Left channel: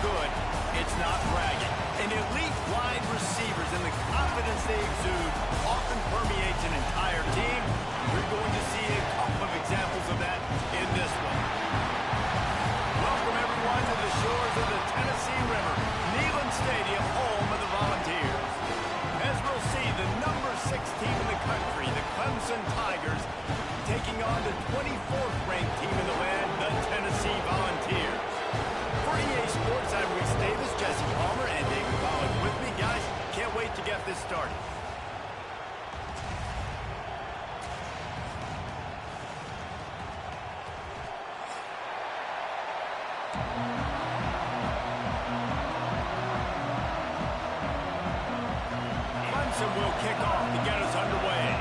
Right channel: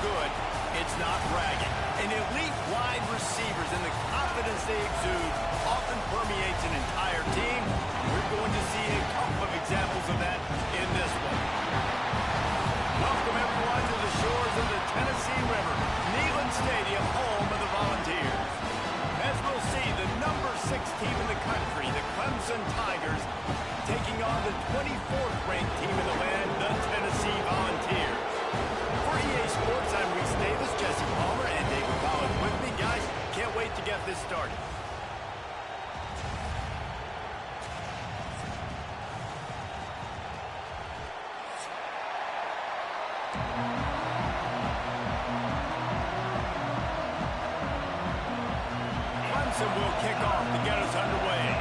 good, it's not bragging. And elite wide receivers and the confidence they exude often permeates an entire team. We're going to see a couple of examples of that in this one. Welcome, everyone, to the shores of the Tennessee River, Neyland Stadium, home of the Volunteers. As we'll see, the number 6 team in the country, the Clemson Tigers, taking on the 24th ranked team in the land, the Tennessee Volunteers. For EA Sports, I'm Reese Davis, Jesse Palmer, and David Collins with me. Guys, can't wait to get this started. Clemson will kick off to get us underway.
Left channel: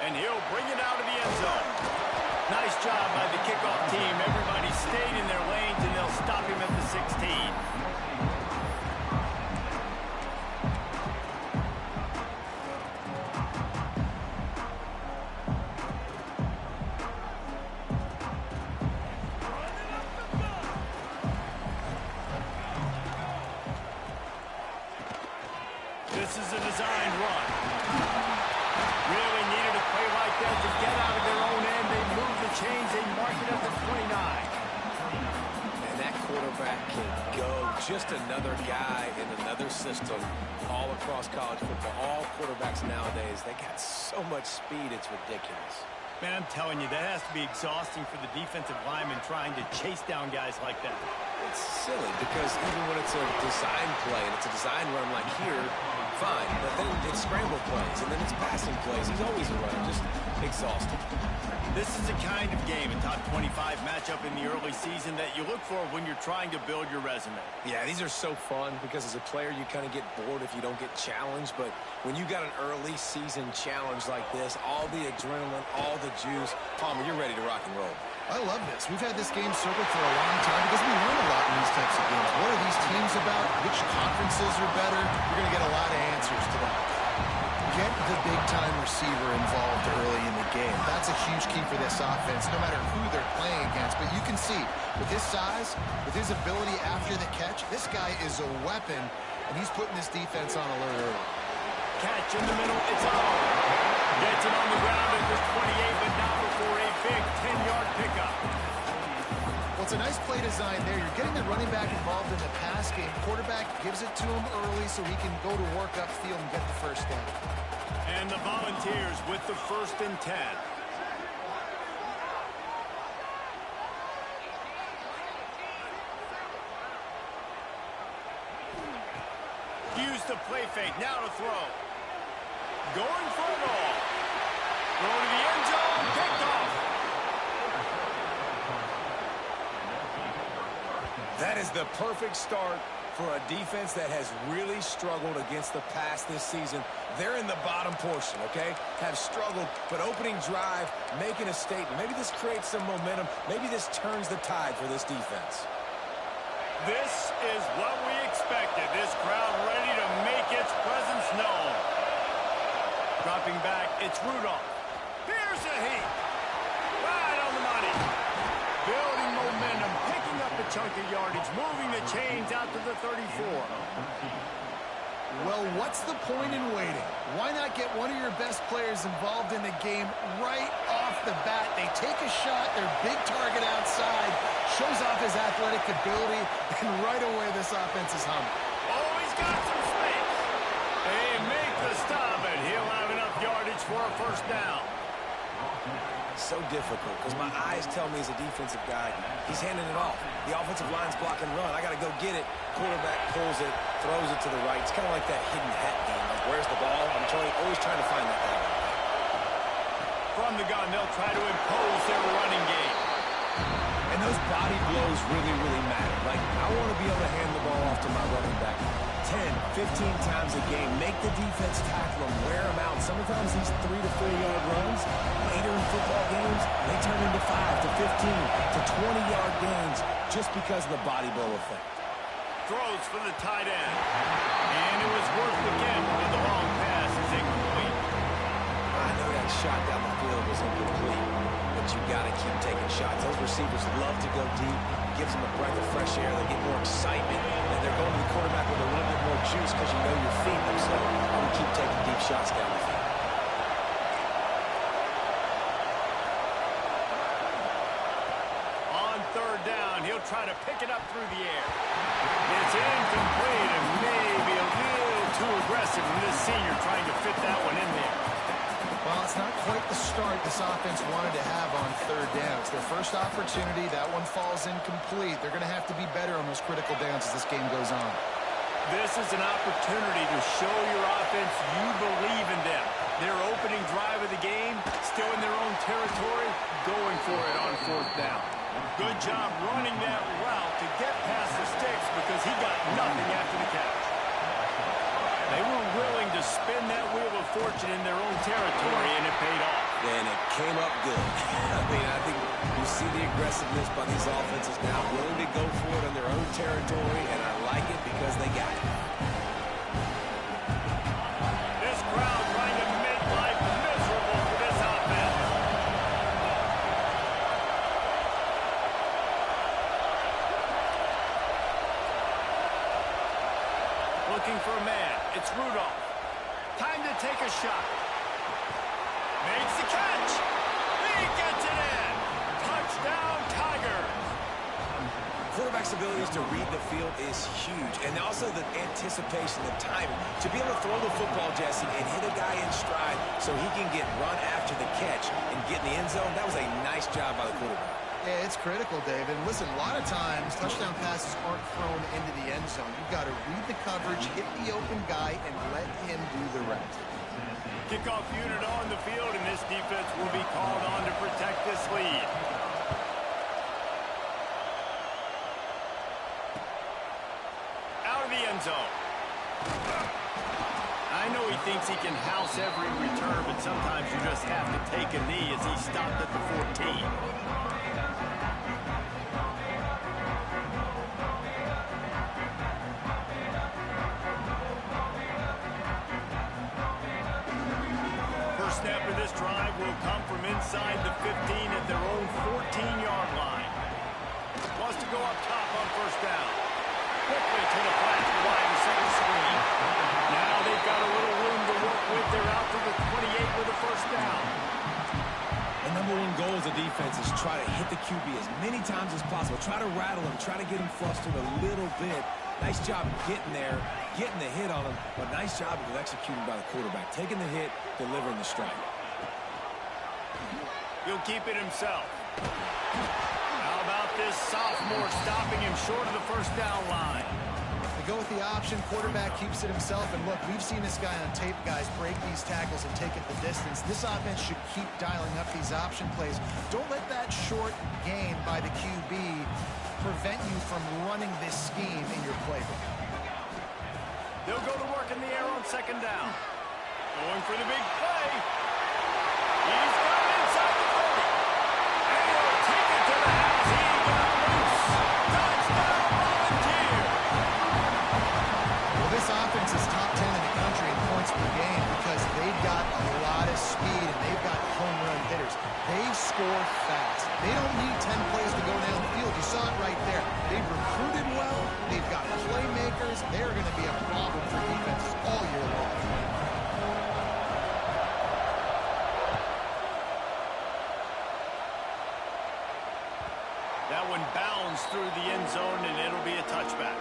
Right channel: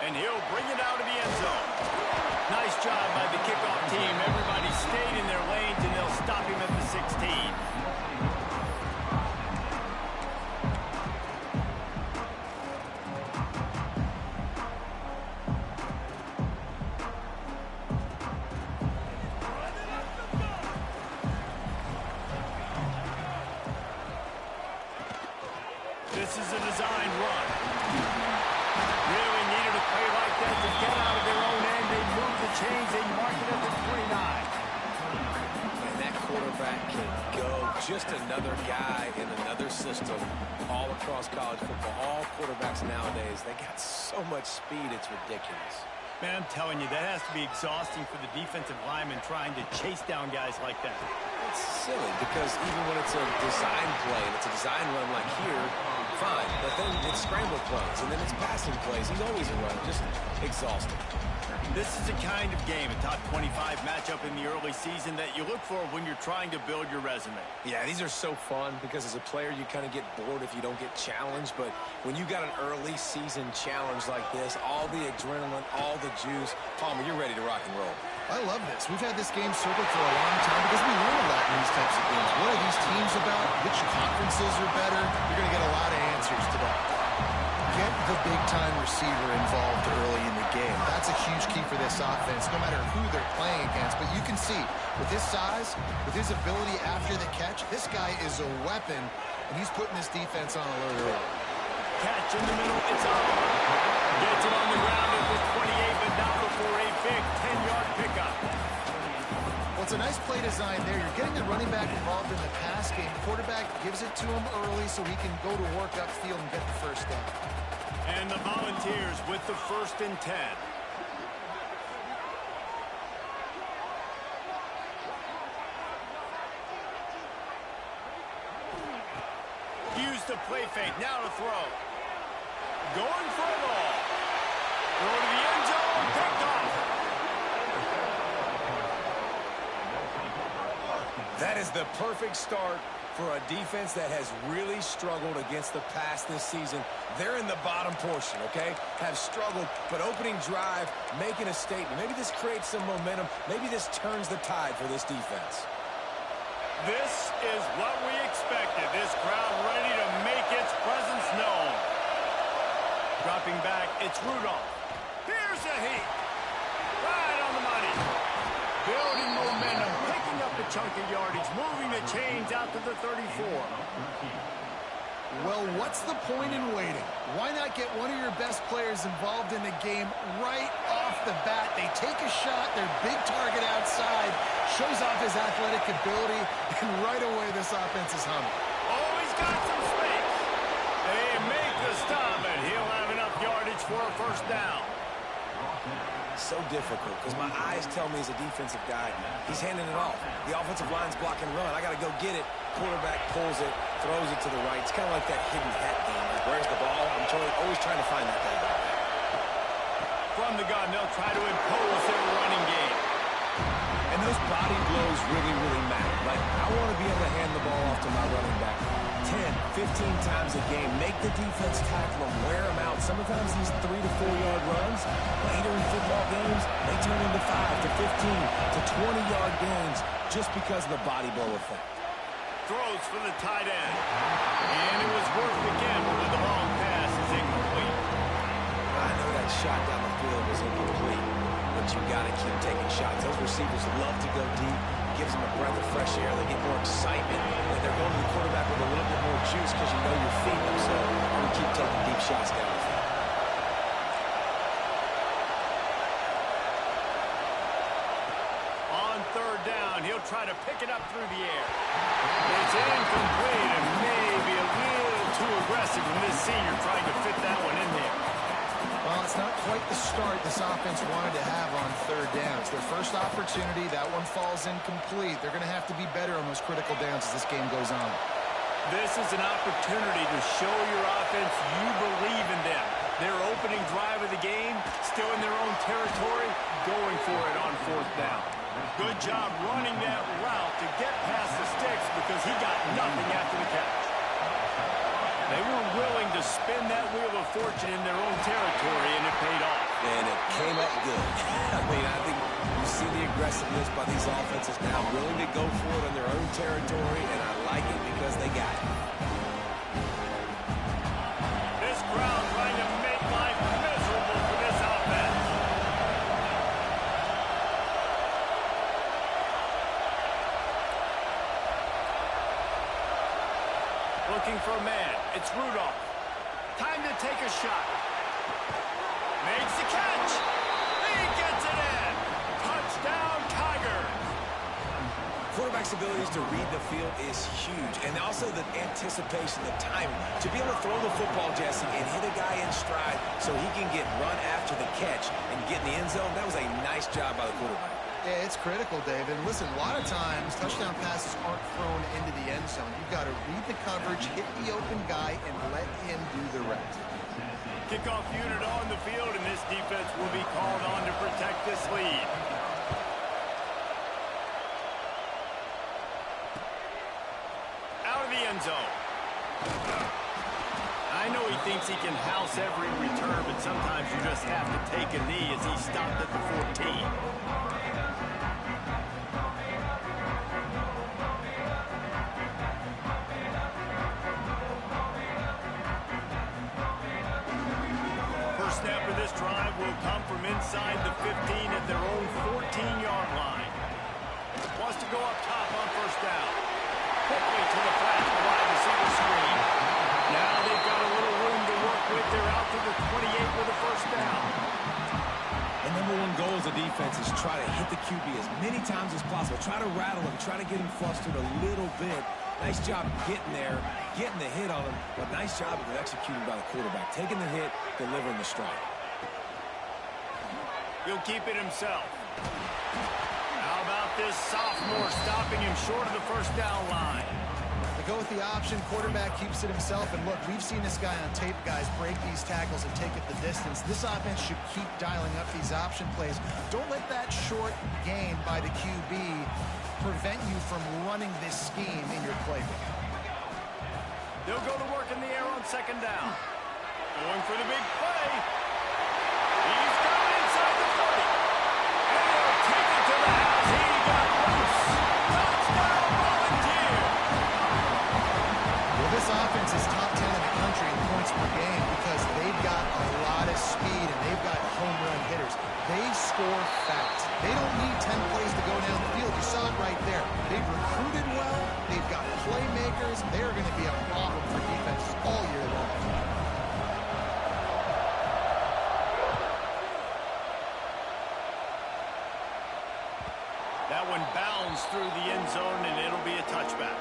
And he'll bring it out of the end zone. Nice job by the kickoff team. Everybody stayed in their lanes, and they'll stop him at the 16. This is a designed run. Really needed a play like that to get out of their own end. They move the chains. They mark it at the 29. And that quarterback can go. Just another guy in another system all across college football. All quarterbacks nowadays, they got so much speed, it's ridiculous. Man, I'm telling you, that has to be exhausting for the defensive lineman trying to chase down guys like that. It's silly because even when it's a design play and it's a design run like here, fine. But then it's scramble plays and then it's passing plays. He's always a runner, just exhausting. This is a kind of game, a top 25 matchup in the early season that you look for when you're trying to build your resume. Yeah, these are so fun because as a player you kind of get bored if you don't get challenged. But when you got an early season challenge like this, all the adrenaline, all the juice, Palmer, you're ready to rock and roll. I love this. We've had this game circled for a long time because we learn a lot in these types of games. What are these teams about? Which conferences are better? You're going to get a lot of answers today. Get the big-time receiver involved early in the game. That's a huge key for this offense, no matter who they're playing against. But you can see, with his size, with his ability after the catch, this guy is a weapon, and he's putting this defense on alert early. Catch in the middle, it's on. Gets it on the ground at the 28, but not before a big 10-yard pickup. Well, it's a nice play design there. You're getting the running back involved in the pass game. Quarterback gives it to him early so he can go to work upfield and get the first down. And the Volunteers with the 1st and 10. Use the play fake, now to throw. Going for it all. Throw to the end zone, picked off. That is the perfect start for a defense that has really struggled against the pass this season. They're in the bottom portion, okay? Have struggled, but opening drive, making a statement. Maybe this creates some momentum. Maybe this turns the tide for this defense. This is what we expected. This crowd ready to make its presence known. Dropping back, it's Rudolph. Here's a heat. Right on the money. Building momentum, picking up a chunk of yardage, moving the chains out to the 34. Well, what's the point in waiting? Why not get one of your best players involved in the game right off the bat? They take a shot, their big target outside, shows off his athletic ability, and right away this offense is humming. Oh, he's got some space. They make the stop, and he'll have enough yardage for a 1st down. So difficult because my eyes tell me as a defensive guy, he's handing it off. The offensive line's block and run. I got to go get it. Quarterback pulls it, throws it to the right. It's kind of like that hidden hat game. Like, where's the ball? I'm always trying to find that thing. From the gun, they'll try to impose their running game. And those body blows really, really matter. Like, I want to be able to hand the ball off to my running back 10, 15 times a game. Make the defense tackle them, wear them out. Sometimes these 3 to 4 yard runs, later in football games, they turn into 5 to 15 to 20 yard gains just because of the body blow effect. throws for the tight end. And it was worth the gamble, but the long pass is incomplete. I know that shot down the field was incomplete, but you got to keep taking shots. Those receivers love to go deep. It gives them a breath of fresh air. They get more excitement, and they're going to the quarterback with a little bit more juice because you know you're feeding them. So I would keep taking deep shots down the field. On third down, he'll try to pick it up through the air. It's incomplete and maybe a little too aggressive from this senior trying to fit that one in there. Well, it's not quite the start this offense wanted to have on third down. It's their first opportunity. That one falls incomplete. They're going to have to be better on those critical downs as this game goes on. This is an opportunity to show your offense you believe in them. Their opening drive of the game, still in their own territory, going for it on fourth down. Good job running that route to get past the sticks because he got nothing after the catch. They were willing to spin that wheel of fortune in their own territory, and it paid off. And it came up good. I mean, I think you see the aggressiveness by these offenses now, willing to go for it on their own territory, and I like it because they got it. This crowd trying to make life miserable for this offense. Looking for a man. It's Rudolph. Time to take a shot. Makes the catch. He gets it in. Touchdown, Tigers. Quarterback's abilities to read the field is huge, and also the anticipation, the timing. To be able to throw the football, Jesse, and hit a guy in stride so he can get run after the catch and get in the end zone, that was a nice job by the quarterback. Yeah, it's critical, David. Listen, a lot of times, touchdown passes aren't thrown into the end zone. You've got to read the coverage, hit the open guy, and let him do the rest. Kickoff unit on the field, and this defense will be called on to protect this lead. Out of the end zone. I know he thinks he can house every return, but sometimes you just have to take a knee as he stopped at the 14. First snap of this drive will come from inside the 15 at their own 14-yard line. Wants to go up top on first down. Quickly to the flat, the wide receiver screen. Now they've got a little room to work with. They're out to the 28 with a first down. And number one goal as a defense is try to hit the QB as many times as possible. Try to rattle him, try to get him flustered a little bit. Nice job getting there, getting the hit on him, but nice job of executing by the quarterback. Taking the hit, delivering the strike. He'll keep it himself. How about this sophomore stopping him short of the first down line? They go with the option. Quarterback keeps it himself. And look, we've seen this guy on tape, guys, break these tackles and take it the distance. This offense should keep dialing up these option plays. Don't let that short gain by the QB prevent you from running this scheme in your playbook. They'll go to work in the air on second down. Going for the big play. He's got it inside the 30. And he'll take it to the house. He got loose. Touchdown, Volunteer. Well, this offense is top 10 in the country in points per game because they've got a lot of speed and they've got home run hitters. They score fast. They don't need 10 plays to go down the field. You saw it right there. They've recruited well. They've got playmakers. They're going to be a problem for defenses all year long. That one bounds through the end zone, and it'll be a touchback.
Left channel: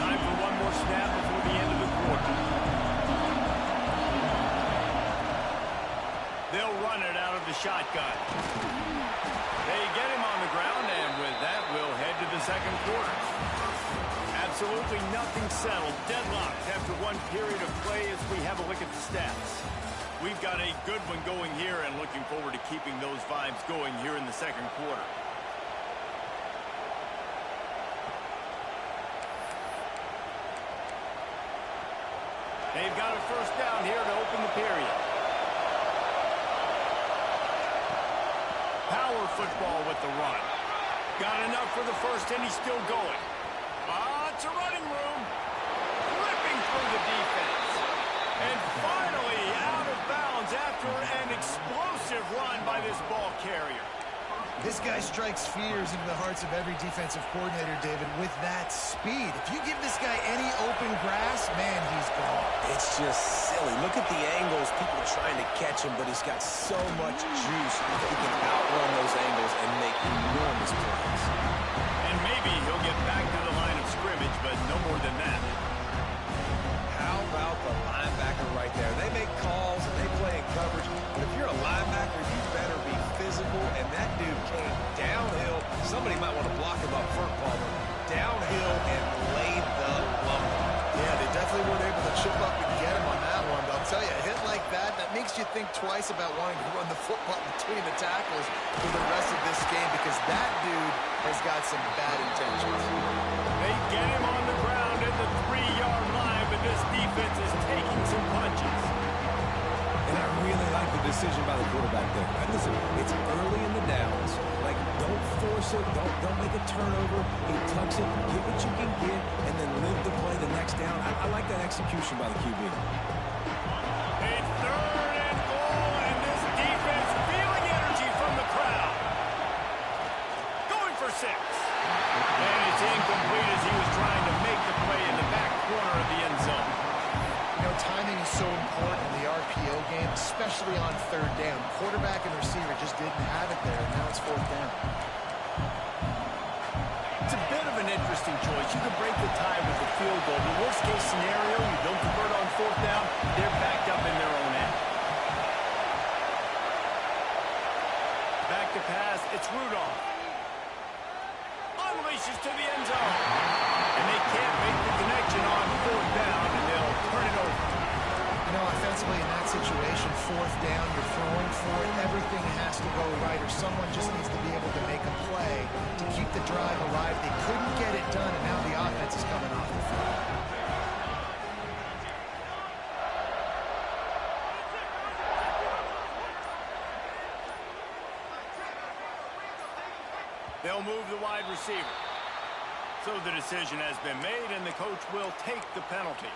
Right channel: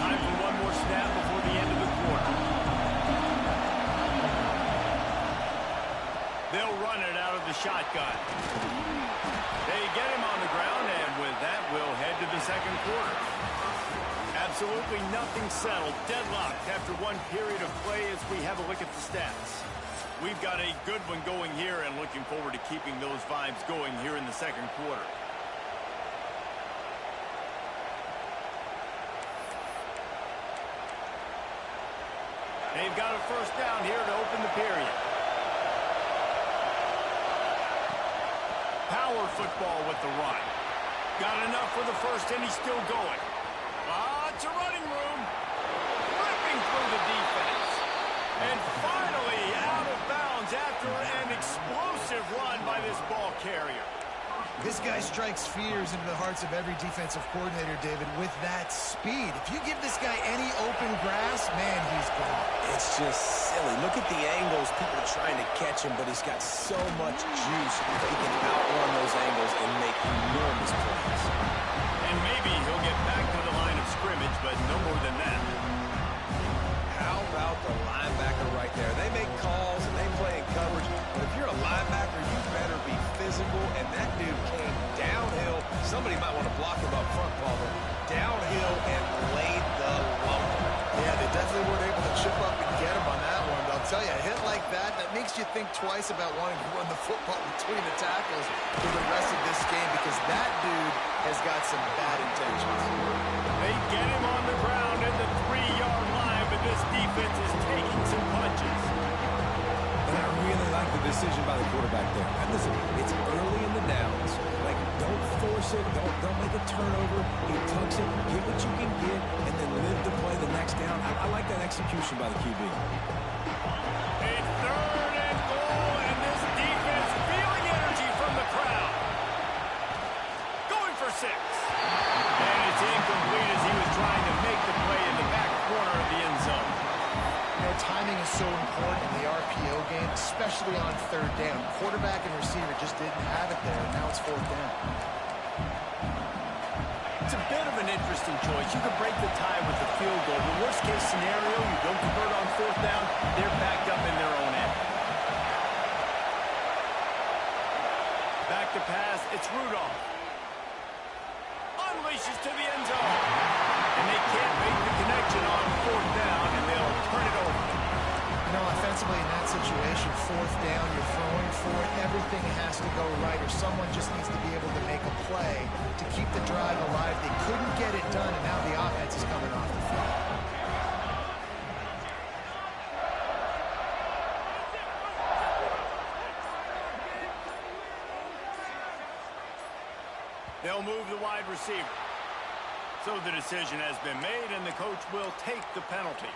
Time for one more snap before the end of the quarter. They'll run it out of the shotgun. They get him on the ground, and with that, we'll head to the second quarter. Absolutely nothing settled. Deadlocked after one period of play as we have a look at the stats. We've got a good one going here and looking forward to keeping those vibes going here in the second quarter. They've got a first down here to open the period. power football with the run. Got enough for the first, and he's still going. It's a running room. Ripping through the defense. And finally out of bounds after an explosive run by this ball carrier. This guy strikes fears into the hearts of every defensive coordinator, David, with that speed. If you give this guy any open grass, man, he's gone. It's just silly. Look at the angles. People are trying to catch him, but he's got so much juice. He can outrun those angles and make enormous plays. And maybe he'll get back to the line of scrimmage, but no more than that. How about the linebacker right there? They make calls and they play in coverage, but if you're a linebacker, you better be physical, and that dude came downhill. Somebody might want to block him up front, Palmer. Downhill and laid the lumber. Yeah, they definitely weren't able to chip up and get him on that one. But I'll tell you, a hit like that makes you think twice about wanting to run the football between the tackles for the rest of this game, because that dude has got some bad intentions. They get him on the ground at the 3-yard line, but this defense is taking some punches. And I really like the decision by the quarterback there. And listen, it's early in the downs. Like, don't force it. Don't make a turnover. He tucks it, get what you can get, and then live to play the next down. I like that execution by the QB. A 3rd and goal, and this defense feeling energy from the crowd. Going for 6. And it's incomplete as he was trying to make the play in the back corner of the end zone. You know, timing is so important in the RPO game, especially on 3rd down. Quarterback and receiver just didn't have it there, and now it's 4th down. It's a bit of an interesting choice. You could break the tie with the field goal. The worst-case scenario, you don't convert on 4th down, they're backed up in their own end. Back to pass, it's Rudolph. Unleashes to the end zone. And they can't make the connection on 4th down, and they'll turn it over. You know, offensively in that situation, 4th down, you're throwing for it. Everything has to go right, or someone just needs to be able to make a play to keep the drive alive. They couldn't get it done, and now the offense is coming off the field. They'll move the wide receiver. So the decision has been made, and the coach will take the penalty.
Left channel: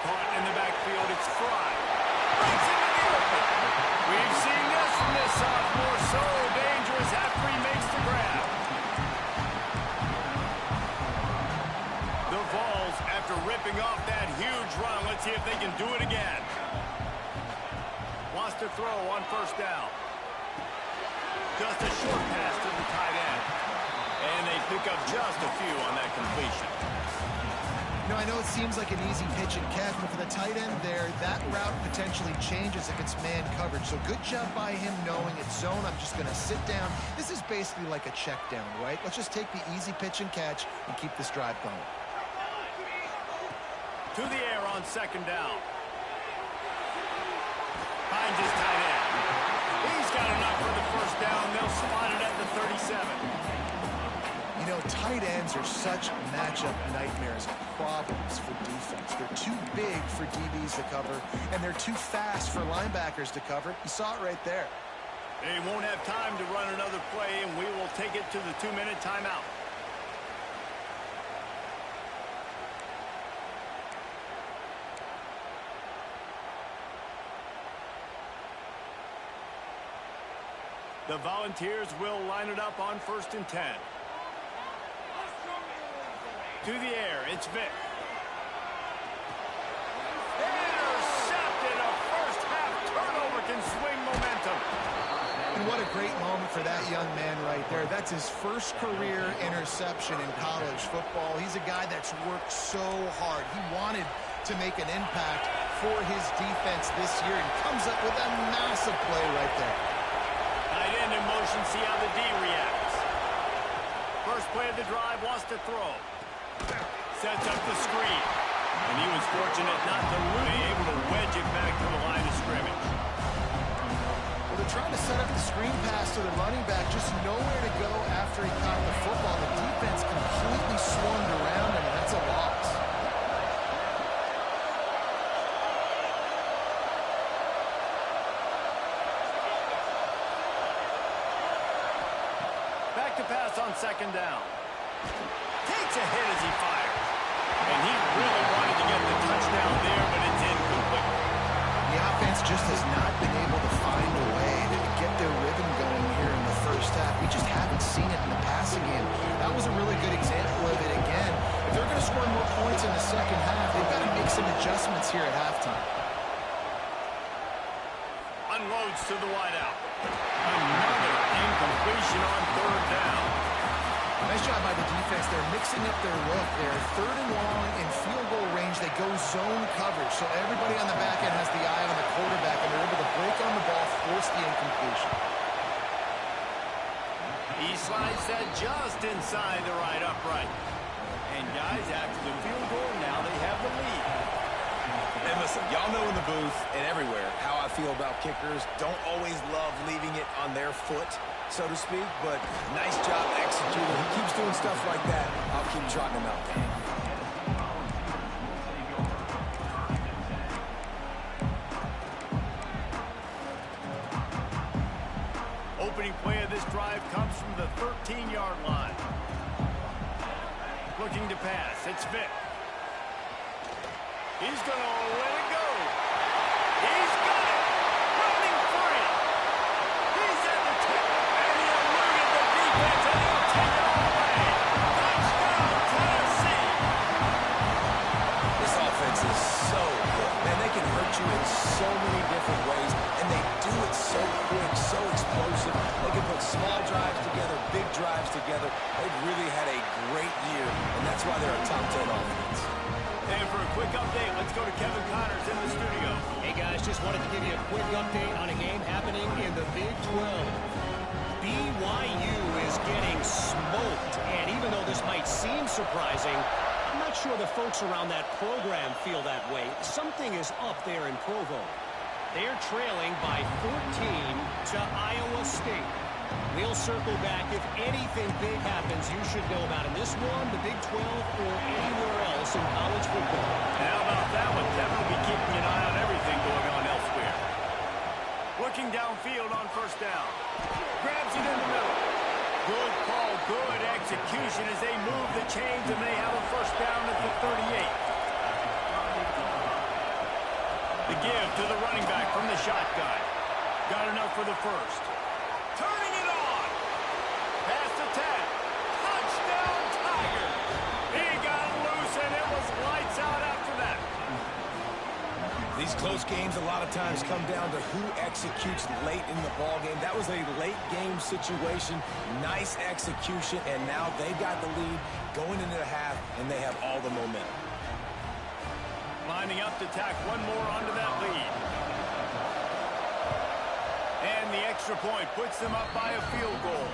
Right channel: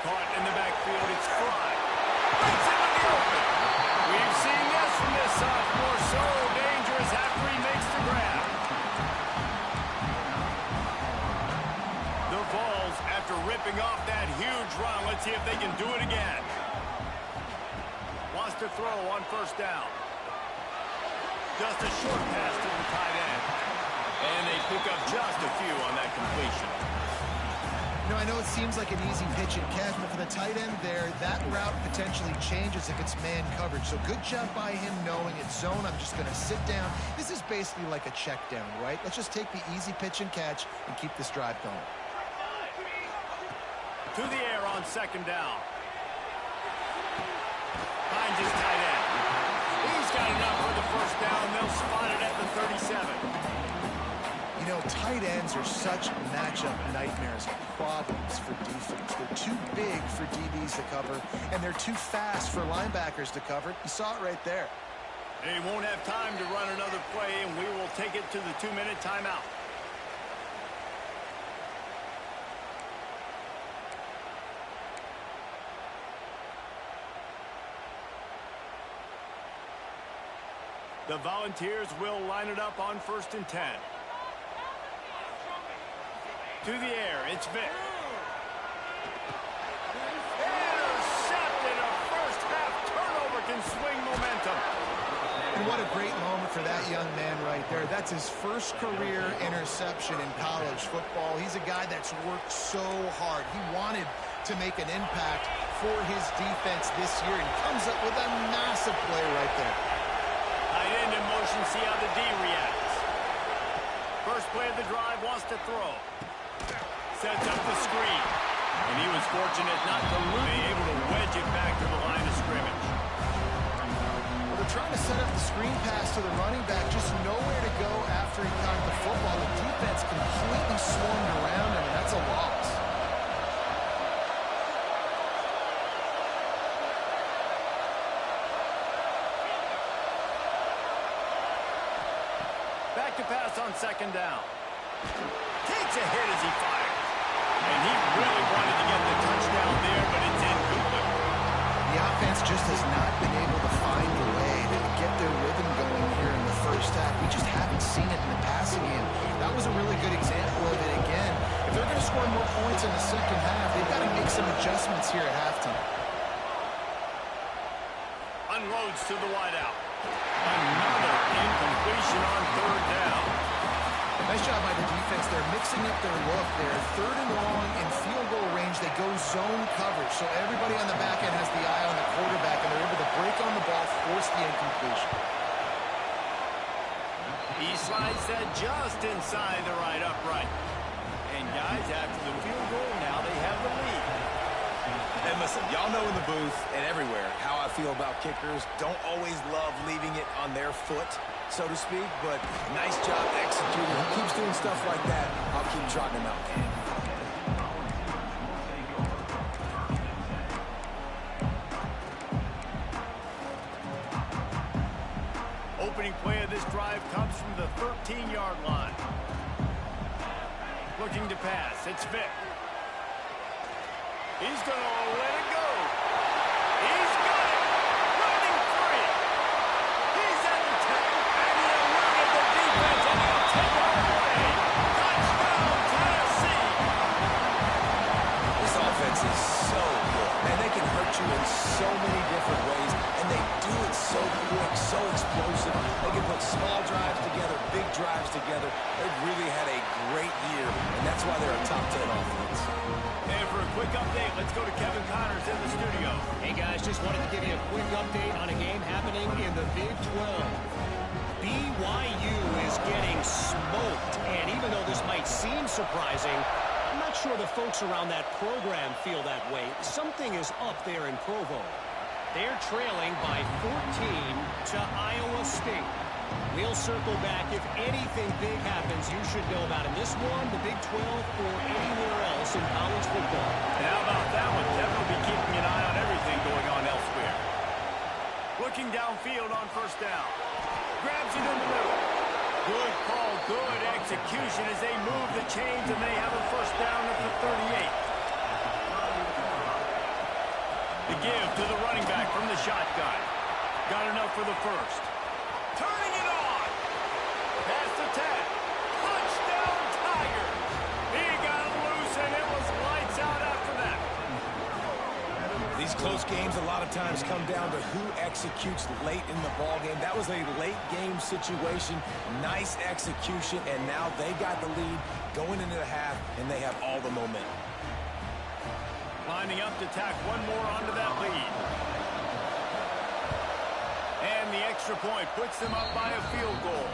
Caught in the backfield, it's Fry. Breaks into the open. We've seen this from this sophomore, so dangerous after he makes the grab. The Vols, after ripping off that huge run, let's see if they can do it again. Wants to throw on 1st down. Just a short pass to the tight end. And they pick up just a few on that completion. You know, I know it seems like an easy pitch and catch, but for the tight end there, that route potentially changes if it's man coverage. So good job by him knowing it's zone. I'm just going to sit down. This is basically like a check down, right? Let's just take the easy pitch and catch and keep this drive going. To the air on 2nd down. Finds his tight end. He's got enough for the 1st down. They'll spot it at the 37. You know, tight ends are such matchup nightmares, problems for defense. They're too big for DBs to cover, and they're too fast for linebackers to cover. You saw it right there. They won't have time to run another play, and we will take it to the 2-minute timeout. The Volunteers will line it up on 1st and 10. To the air, it's Vick. Intercepted. A first-half turnover can swing momentum. And what a great moment for that young man right there. That's his first career interception in college football. He's a guy that's worked so hard. He wanted to make an impact for his defense this year, and comes up with a massive play right there. Tight end in motion, see how the D reacts. First play of the drive, wants to throw. Sets up the screen. And he was fortunate not to lose, able to wedge it back to the line of scrimmage. Well, they're trying to set up the screen pass to the running back, just nowhere to go after he caught the football. The defense completely swarmed around him, and that's a loss. Back to pass on second down. Takes a hit as he fires. And he really wanted to get the touchdown there, but it's incomplete. The offense just has not been able to find a way to get their rhythm going here in the first half. We just haven't seen it in the passing game. That was a really good example of it again. If they're going to score more points in the second half, they've got to make some adjustments here at halftime. Unloads to the wideout. Another incompletion on third down. Nice job by the defense. They're mixing up their look. They're third and long in field goal range. They go zone coverage. So everybody on the back end has the eye on the quarterback, and they're able to break on the ball, force the incompletion. He slides that just inside the right upright. And guys, after the field goal, now they have the lead. And listen, y'all know in the booth and everywhere how I feel about kickers. Don't always love leaving it on their foot, so to speak, but nice job executing. He keeps doing stuff like that. I'll keep trotting him out there. Opening play of this drive comes from the 13-yard line. Looking to pass. It's Vick. He's going to let it go. He's got it. Running free. He's at the 10. And he eluded the defense, and he'll take it all the way. Touchdown, Tennessee. This offense is so good. Man, they can hurt you in so many different ways, and they do it so quick, so explosive. They can put small drives together, big drives together. They've really had a great year, and that's why they're a top 10 offense. And for a quick update, let's go to Kevin Connors in the studio. Hey, guys, just wanted to give you a quick update on a game happening in the Big 12. BYU is getting smoked, and even though this might seem surprising, I'm not sure the folks around that program feel that way. Something is up there in Provo. They're trailing by 14 to Iowa State. We'll circle back. If anything big happens, you should know about in this one, the Big 12, or anywhere else in college football. And how about that one? Kevin will be keeping an eye on everything going on elsewhere. Looking downfield on first down. Grabs it in the middle. Good call, good execution as they move the chains, and they have a first down at the 38. The give to the running back from the shotgun. Got enough for the first. Turning it on. Past the 10. Touchdown, Tiger. He got loose, and it was lights out after that. These close games a lot of times come down to who executes late in the ball game. That was a late game situation. Nice execution, and now they got the lead going into the half, and they have all the momentum. Lining up to tack one more onto that lead. And the extra point puts them up by a field goal.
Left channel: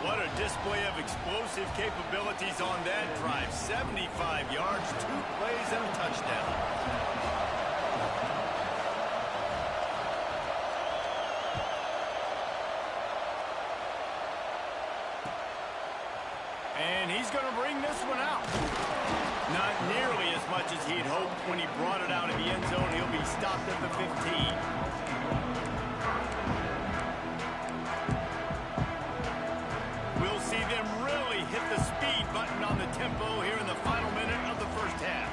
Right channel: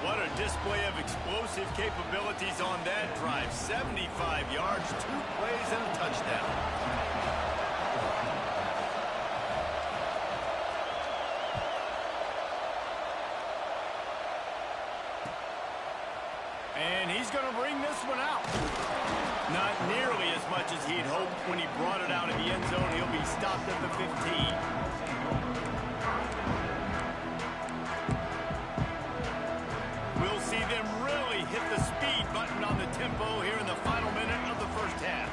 What a display of explosive capabilities on that drive. 75 yards, 2 plays, and a touchdown. And he's going to bring this one out. Not nearly as much as he'd hoped when he brought it out of the end zone. He'll be stopped at the 15. We'll see them really hit the speed button on the tempo here in the final minute of the first half.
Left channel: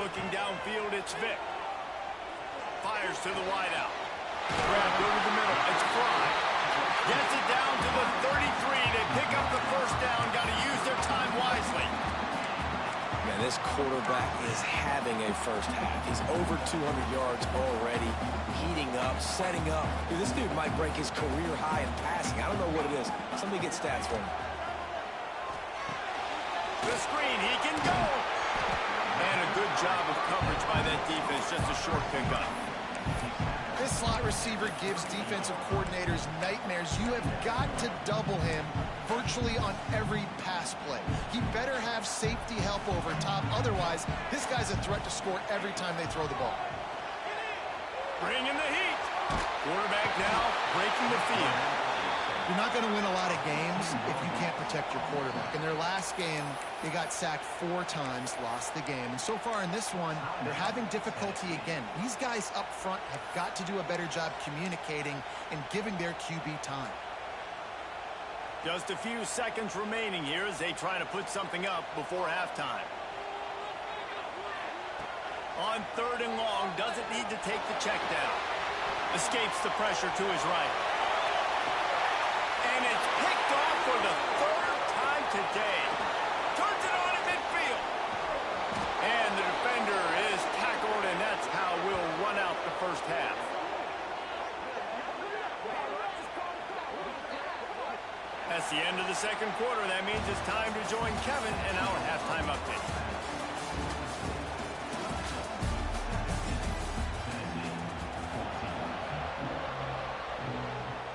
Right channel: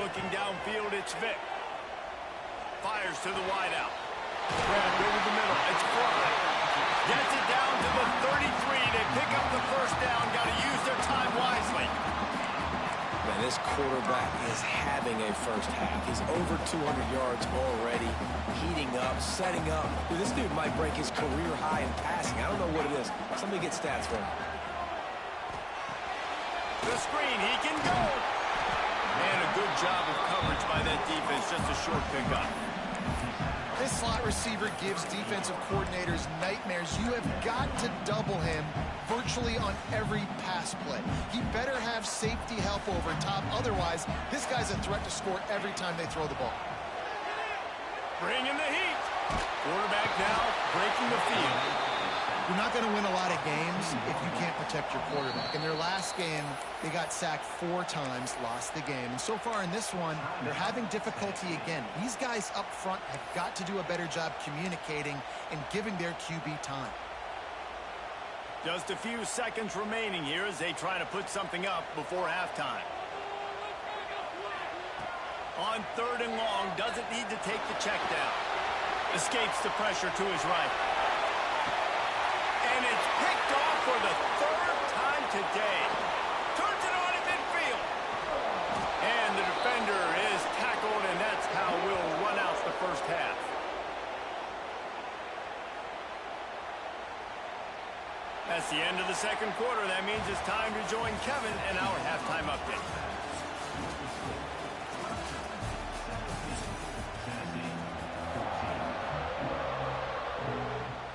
Looking downfield, it's Vick. Fires to the wideout. Grabbed over the middle. It's Fry. Gets it down to the 33. They pick up the first down. Got to use their time wisely. Man, this quarterback is having a first half. He's over 200 yards already, heating up, setting up. Dude, this dude might break his career high in passing. I don't know what it is. Somebody get stats for him. The screen, he can go. And a good job of coverage by that defense. Just a short pickup. This slot receiver gives defensive coordinators nightmares. You have got to double him virtually on every pass play. He better have safety help over top. Otherwise, this guy's a threat to score every time they throw the ball. Bringing the heat. Quarterback now breaking the field. You're not going to win a lot of games if you can't protect your quarterback. In their last game, they got sacked 4 times, lost the game. And so far in this one, they're having difficulty again. These guys up front have got to do a better job communicating and giving their QB time. Just a few seconds remaining here as they try to put something up before halftime. On 3rd and long, doesn't need to take the check down. Escapes the pressure to his right. And it's picked off for the 3rd time today. Turns it on in midfield. And the defender is tackled, and that's how we'll run out the first half. That's the end of the 2nd quarter. That means it's time to join Kevin in our halftime update.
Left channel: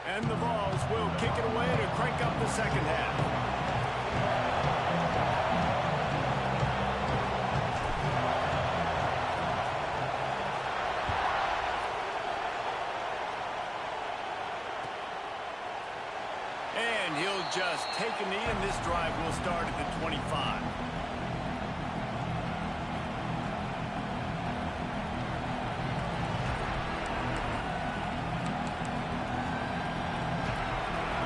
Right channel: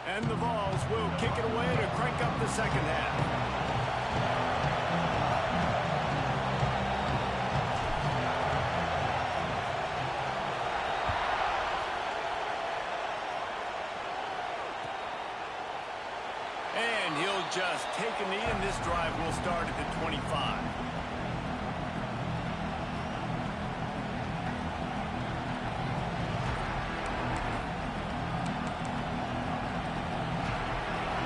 And the Vols will kick it away to crank up the 2nd half. And he'll just take a knee, and this drive will start at the 25.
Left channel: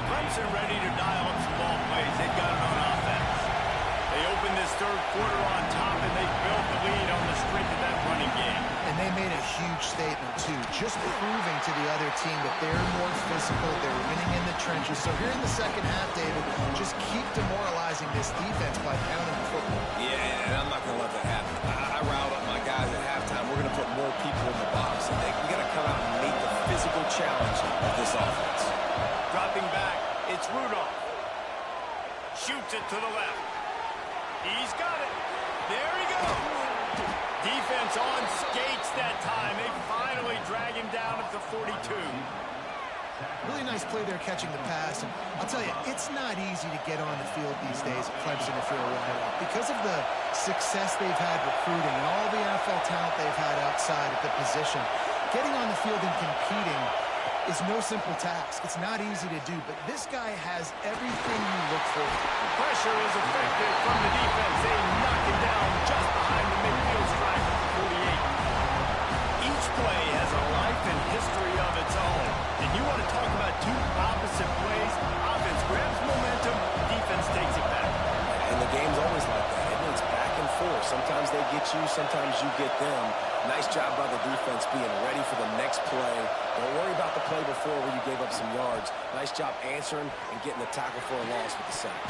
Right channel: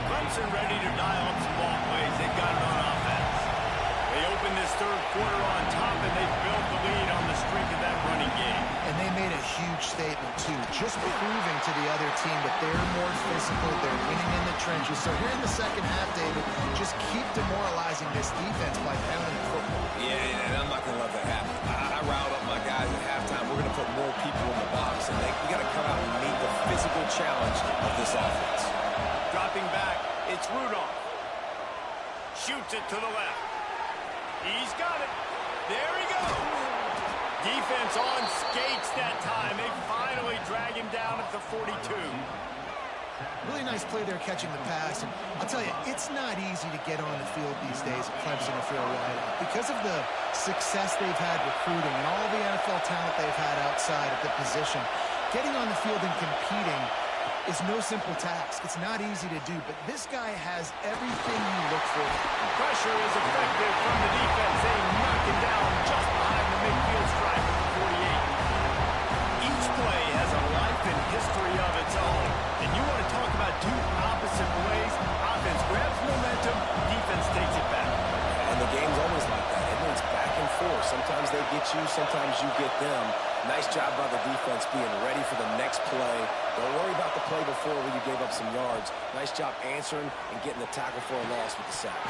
Clemson ready to dial up some ball plays. They've got it on offense. They open this 3rd quarter on top, and they built the lead on the strength of that running game. And they made a huge statement, too, just proving to the other team that they're more physical, they're winning in the trenches. So here in the 2nd half, David, just keep demoralizing this defense by pounding the football. Yeah, and I'm not going to let that happen. I riled up my guys at halftime. We're going to put more people in the box, and we got to come out and meet the physical challenge of this offense. Dropping back, it's Rudolph. Shoots it to the left. He's got it. There he goes. Defense on skates that time. They finally drag him down at the 42. Really nice play there catching the pass. And I'll tell you, it's not easy to get on the field these days at Clemson if you're a wideout. Because of the success they've had recruiting and all the NFL talent they've had outside of the position, getting on the field and competing is no simple task. It's not easy to do, but this guy has everything you look for. The pressure is effective from the defense. They knock him down just behind the midfield stripe at the 48. Each play has a life and history of its own. And you want to talk about 2 opposite plays. Offense grabs momentum, defense takes it back. And the game's always like that. It's back and forth. Sometimes they get you, sometimes you get them. Nice job by the defense being ready for the next play. Don't worry about the play before where you gave up some yards. Nice job answering and getting the tackle for a loss with the sack.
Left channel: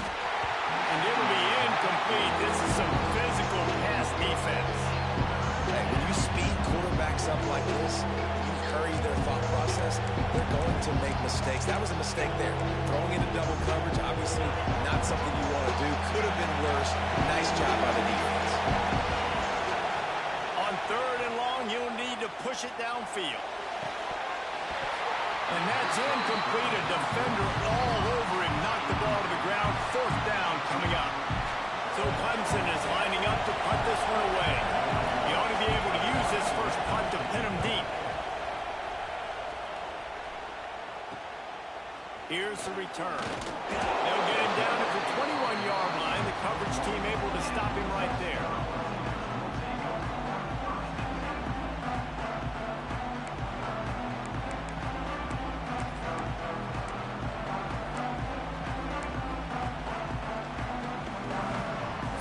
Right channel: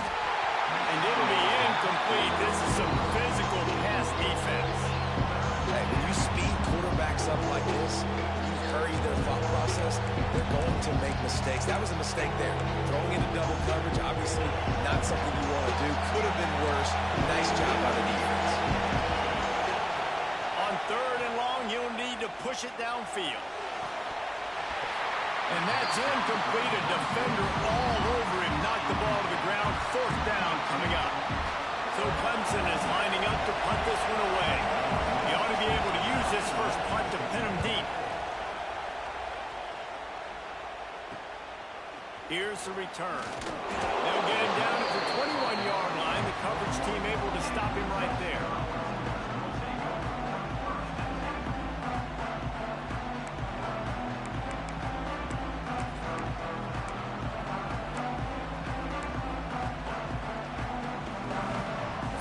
And it'll be incomplete. This is some physical pass defense. Hey, when you speed quarterbacks up like this, you hurry their thought process, they're going to make mistakes. That was a mistake there. Throwing into double coverage, obviously not something you want to do. Could have been worse. Nice job by the defense. On 3rd and long, you'll need to push it downfield. And that's incomplete. A defender all over him. Knocked the ball to the ground. 4th down coming up. So Clemson is lining up to punt this one away. He ought to be able to use this first punt to pin him deep. Here's the return. They'll get him down at the 21-yard line. The coverage team able to stop him right there.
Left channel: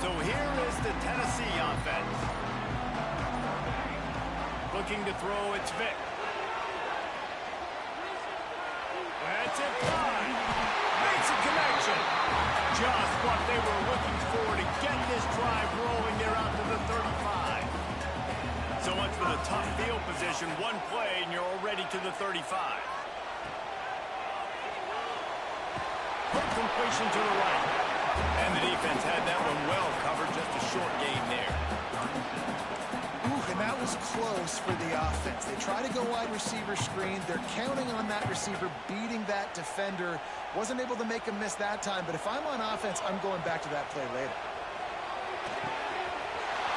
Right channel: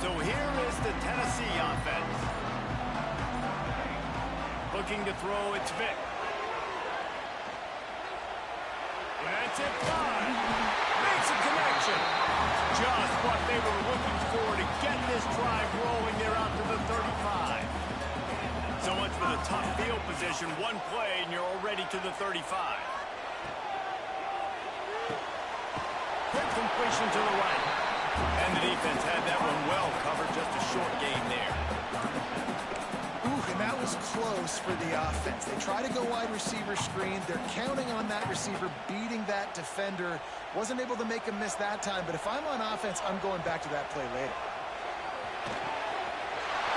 So here is the Tennessee offense. Looking to throw, it's Vick. That's it, fine. Makes a connection. Just what they were looking for to get this drive rolling. They're out to the 35. So much for the tough field position. One play, and you're already to the 35. Quick completion to the right. And the defense had that one well covered. Just a short gain there. Ooh, and that was close for the offense. They try to go wide receiver screen. They're counting on that receiver beating that defender. Wasn't able to make him miss that time, but if I'm on offense, I'm going back to that play later.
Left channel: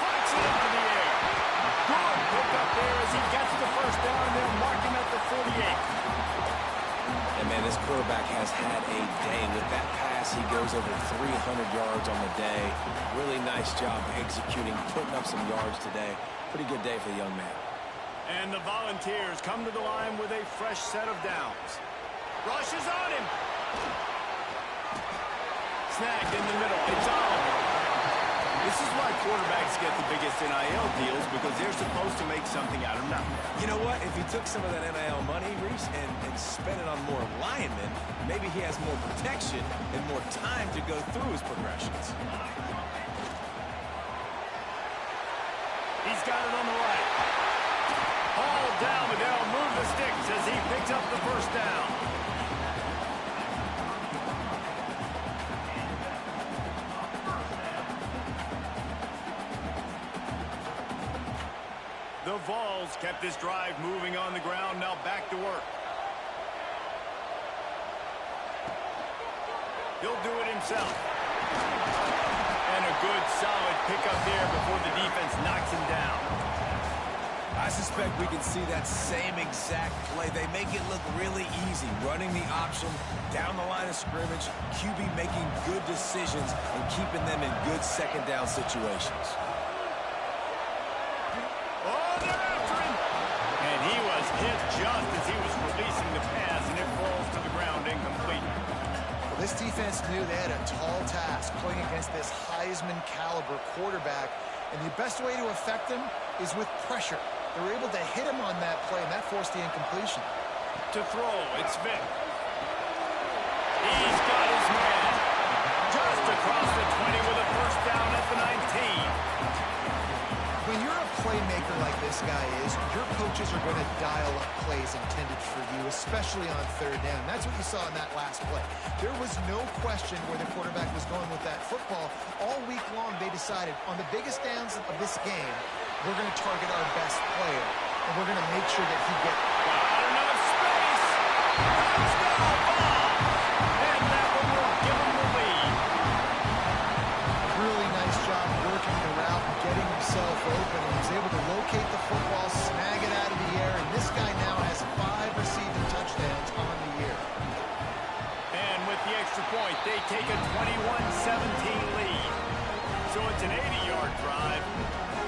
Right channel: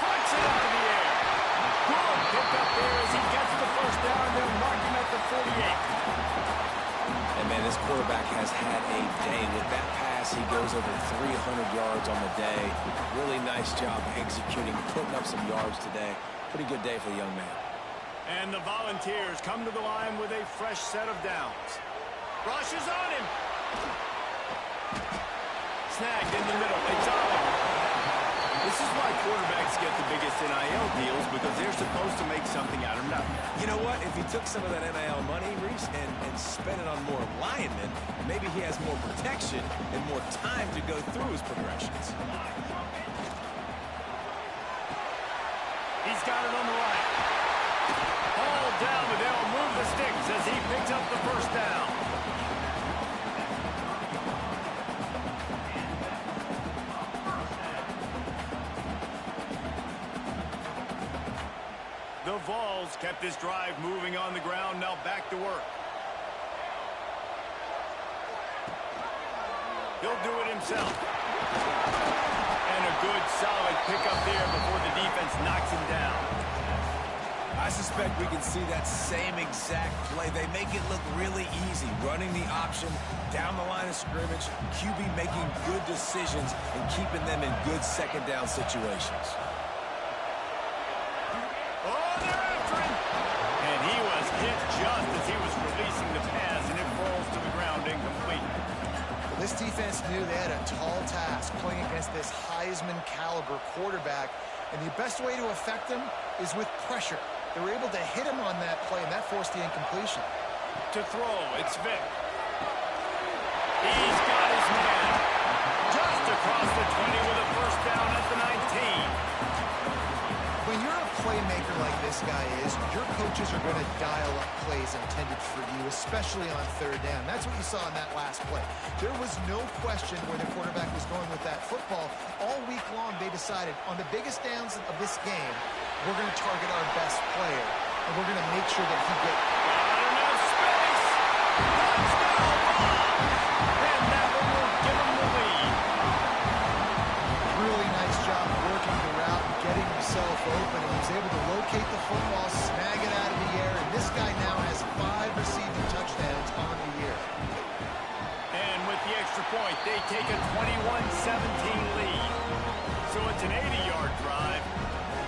Punts it up in the air. Good pick up there as he gets the first down. They'll mark him at the 48. And, man, this quarterback has had a day. With that pass, he goes over 300 yards on the day. Really nice job executing, putting up some yards today. Pretty good day for the young man. And the Volunteers come to the line with a fresh set of downs. Rushes on him. Snagged in the middle. It's Oliver. This is why quarterbacks get the biggest NIL deals, because they're supposed to make something out of nothing. You know what? If he took some of that NIL money, Reese, and spent it on more linemen, maybe he has more protection and more time to go through his progressions. He's got it on the right. Hauled down, but they'll move the sticks as he picks up the first down. The Vols kept this drive moving on the ground, now back to work. He'll do it himself. And a good, solid pickup there before the defense knocks him down. I suspect we can see that same exact play. They make it look really easy, running the option down the line of scrimmage, QB making good decisions and keeping them in good second down situations. Oh, they're after him. And he was hit just as he was releasing the pass, and it falls to the ground incomplete. Well, this defense knew they had a tall task playing against this Heisman caliber quarterback, and the best way to affect him is with pressure. They were able to hit him on that play, and that forced the incompletion. To throw, it's Vic. He's got his man. Just across the 20 with a first down at the 19. When you're a playmaker like this guy is, your coaches are going to dial up plays intended for you, especially on third down. That's what you saw in that last play. There was no question where the quarterback was going with that football. All week long, they decided on the biggest downs of this game, we're going to target our best player, and we're going to make sure that he gets... Got enough space. Touchdown ball. And that one will give him the lead. Really nice job working the route and getting himself open, and he was able to locate the football, snag it out of the air, and this guy now has 5 receiving touchdowns on the year. And with the extra point, they take a 21-17 lead. So it's an 80-yard drive,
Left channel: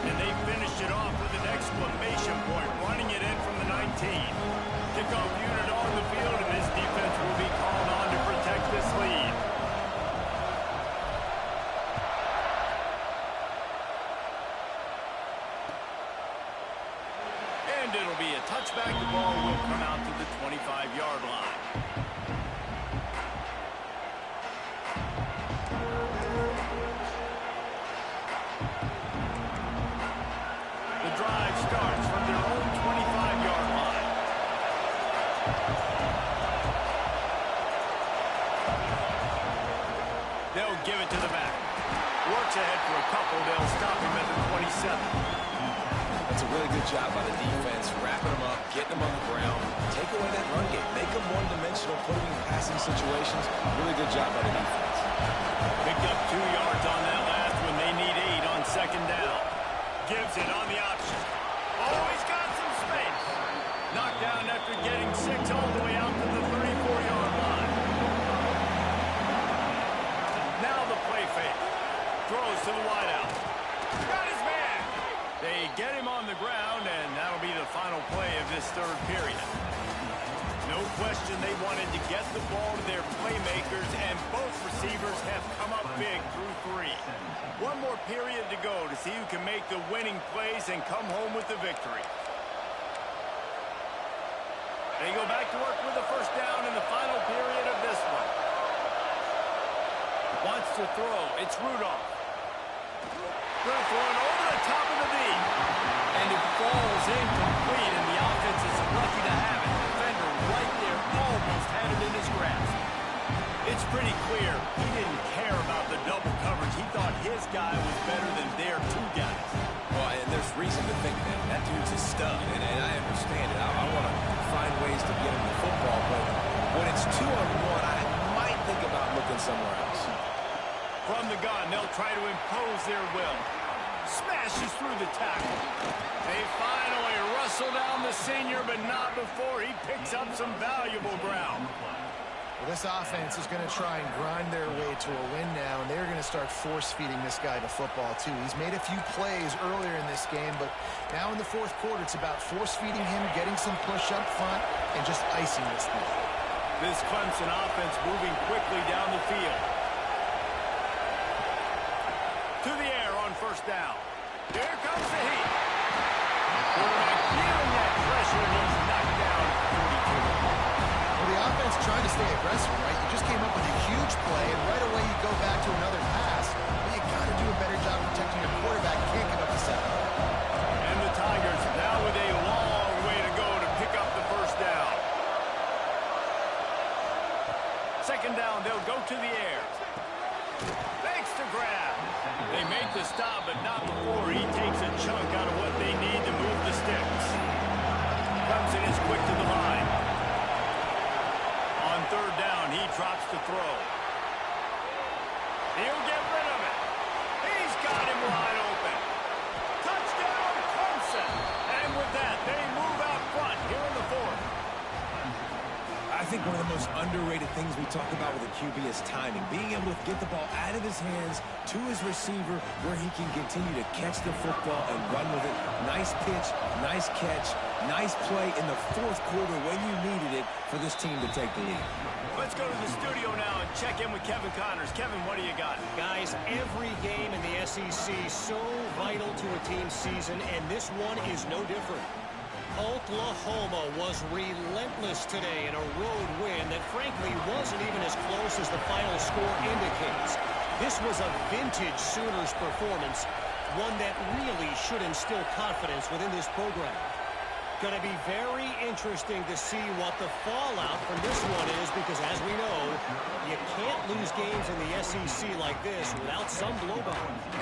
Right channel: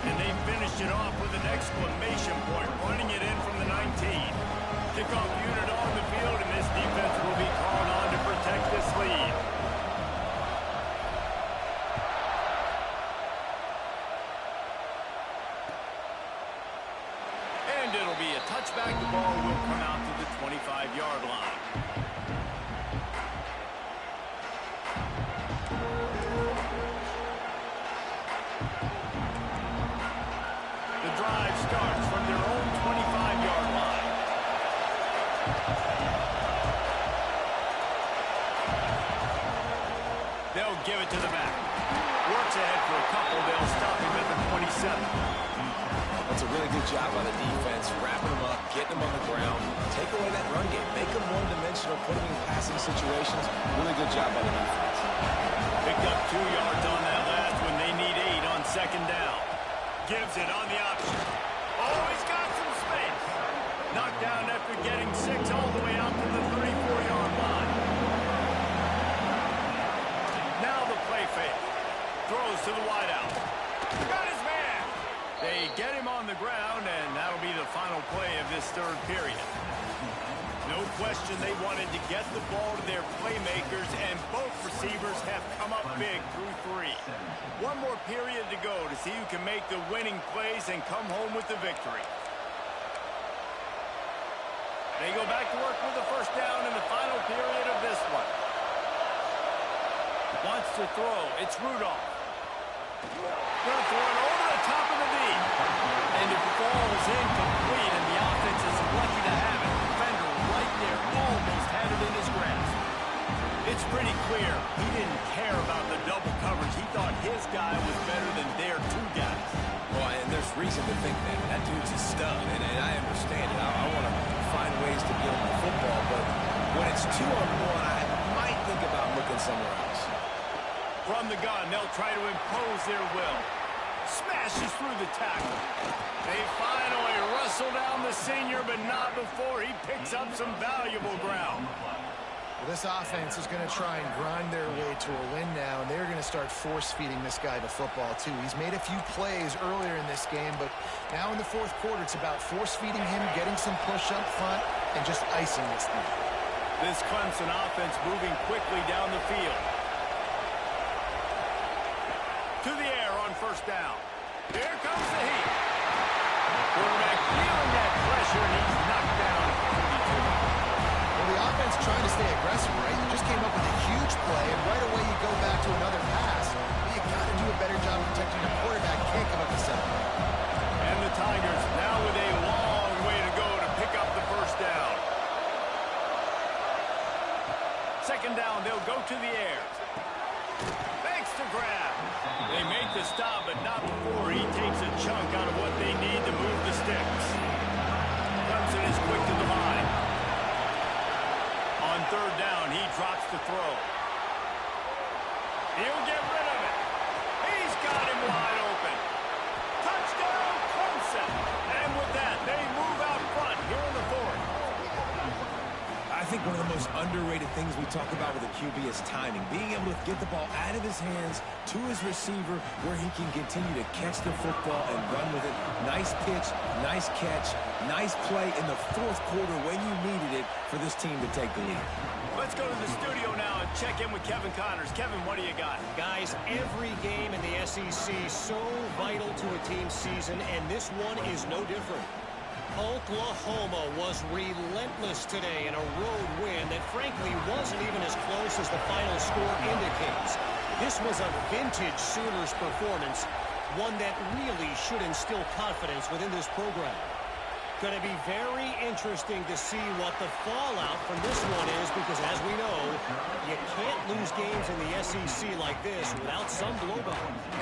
and they finish it off with an exclamation point, running it in from the 19. Kickoff unit on the field, and this defense will be called on to protect this lead. And it'll be a touchback. The ball will come out to the 25-yard line. The drive starts from their own 25-yard line. They'll give it to the back. Works ahead for a couple. They'll stop him at the 27. That's a really good job by the defense, wrapping them up, getting them on the ground, take away that run game, make them one-dimensional, put them in passing situations. Really good job by the defense. Picked up 2 yards on that last one. They need 8 on second down. Gives it on the option. Oh, he's got some space. Knocked down after getting 6 all the way out to the 34-yard line. Now the play fake. Throws to the wideout. Got his man. They get him on the ground, and that'll be the final play of this third period. No question they wanted to get the ball to their playmakers, and both receivers have come up big through 3. One more period to go to see who can make the winning plays and come home with the victory. They go back to work with the first down in the final period of this one. Wants to throw. It's Rudolph. Going to throw it over the top of the deep. And it falls incomplete, and the offense is lucky to have it. Defender right there almost had it in his grasp. It's pretty clear he didn't care about the double coverage. He thought his guy was better than their 2 guys. Well, and there's reason to think that. That dude's a stud, and I understand it. I want to find ways to get him the football, but when it's 2-on-1, I might think about looking somewhere else. From the gun, they'll try to impose their will. Smashes through the tackle. They finally wrestle down the senior, but not before he picks up some valuable ground. Well, this offense is going to try and grind their way to a win now, and they're going to start force-feeding this guy the football, too. He's made a few plays earlier in this game, but now in the fourth quarter, it's about force-feeding him, getting some push up front, and just icing this thing. This Clemson offense moving quickly down the field. To the air on first down. Here comes the heat. Quarterback feeling that pressure, and he's knocked down at the 42. Well, the offense trying to stay aggressive, right? You just came up with a huge play, and right away you go back to another pass. But you got to do a better job protecting your quarterback. Can't give up a sack. And the Tigers now with a long way to go to pick up the first down. Second down, they'll go to the air. Thanks to grab. They make the stop, but not before he takes a chunk out of what they need to move the sticks. Clemson is quick to the line. On third down, he drops to throw. He'll get rid of it. He's got him wide open. Touchdown, Clemson. And with that, they move out front here in the fourth. I think one of the most underrated things we talk about with a QB is timing. Being able to get the ball out of his hands to his receiver where he can continue to catch the football and run with it. Nice pitch, nice catch, nice play in the fourth quarter when you needed it for this team to take the lead. Let's go to the studio now and check in with Kevin Connors. Kevin, what do you got? Guys, every game in the SEC so vital to a team's season, and this one is no different. Oklahoma was relentless today in a road win that frankly wasn't even as close as the final score indicates. This was a vintage Sooners performance, one that really should instill confidence within this program. Going to be very interesting to see what the fallout from this one is, because as we know, you can't lose games in the SEC like this without some blowback.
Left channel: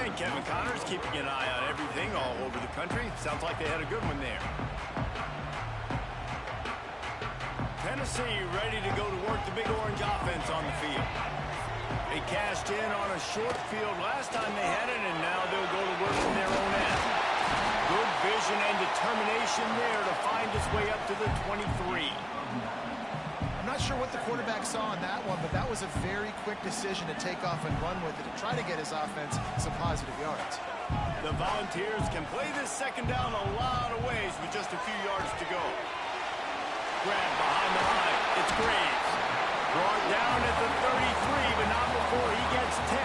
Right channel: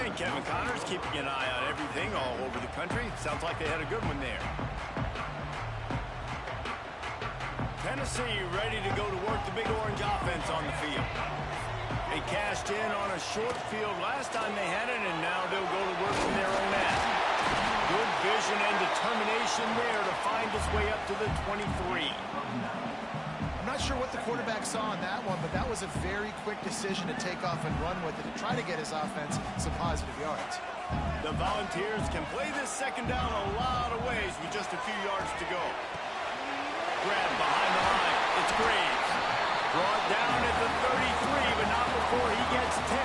And Kevin Connors keeping an eye on everything all over the country. Sounds like they had a good one there. Tennessee ready to go to work the Big Orange offense on the field. They cashed in on a short field last time they had it, and now they'll go to work from their own end. Good vision and determination there to find his way up to the 23. I'm not sure what the quarterback saw on that one, but that was a very quick decision to take off and run with it to try to get his offense some positive yards. The Volunteers can play this second down a lot of ways with just a few yards to go. Grab behind the line. It's Graves. Brought down at the 33, but not before he gets 10.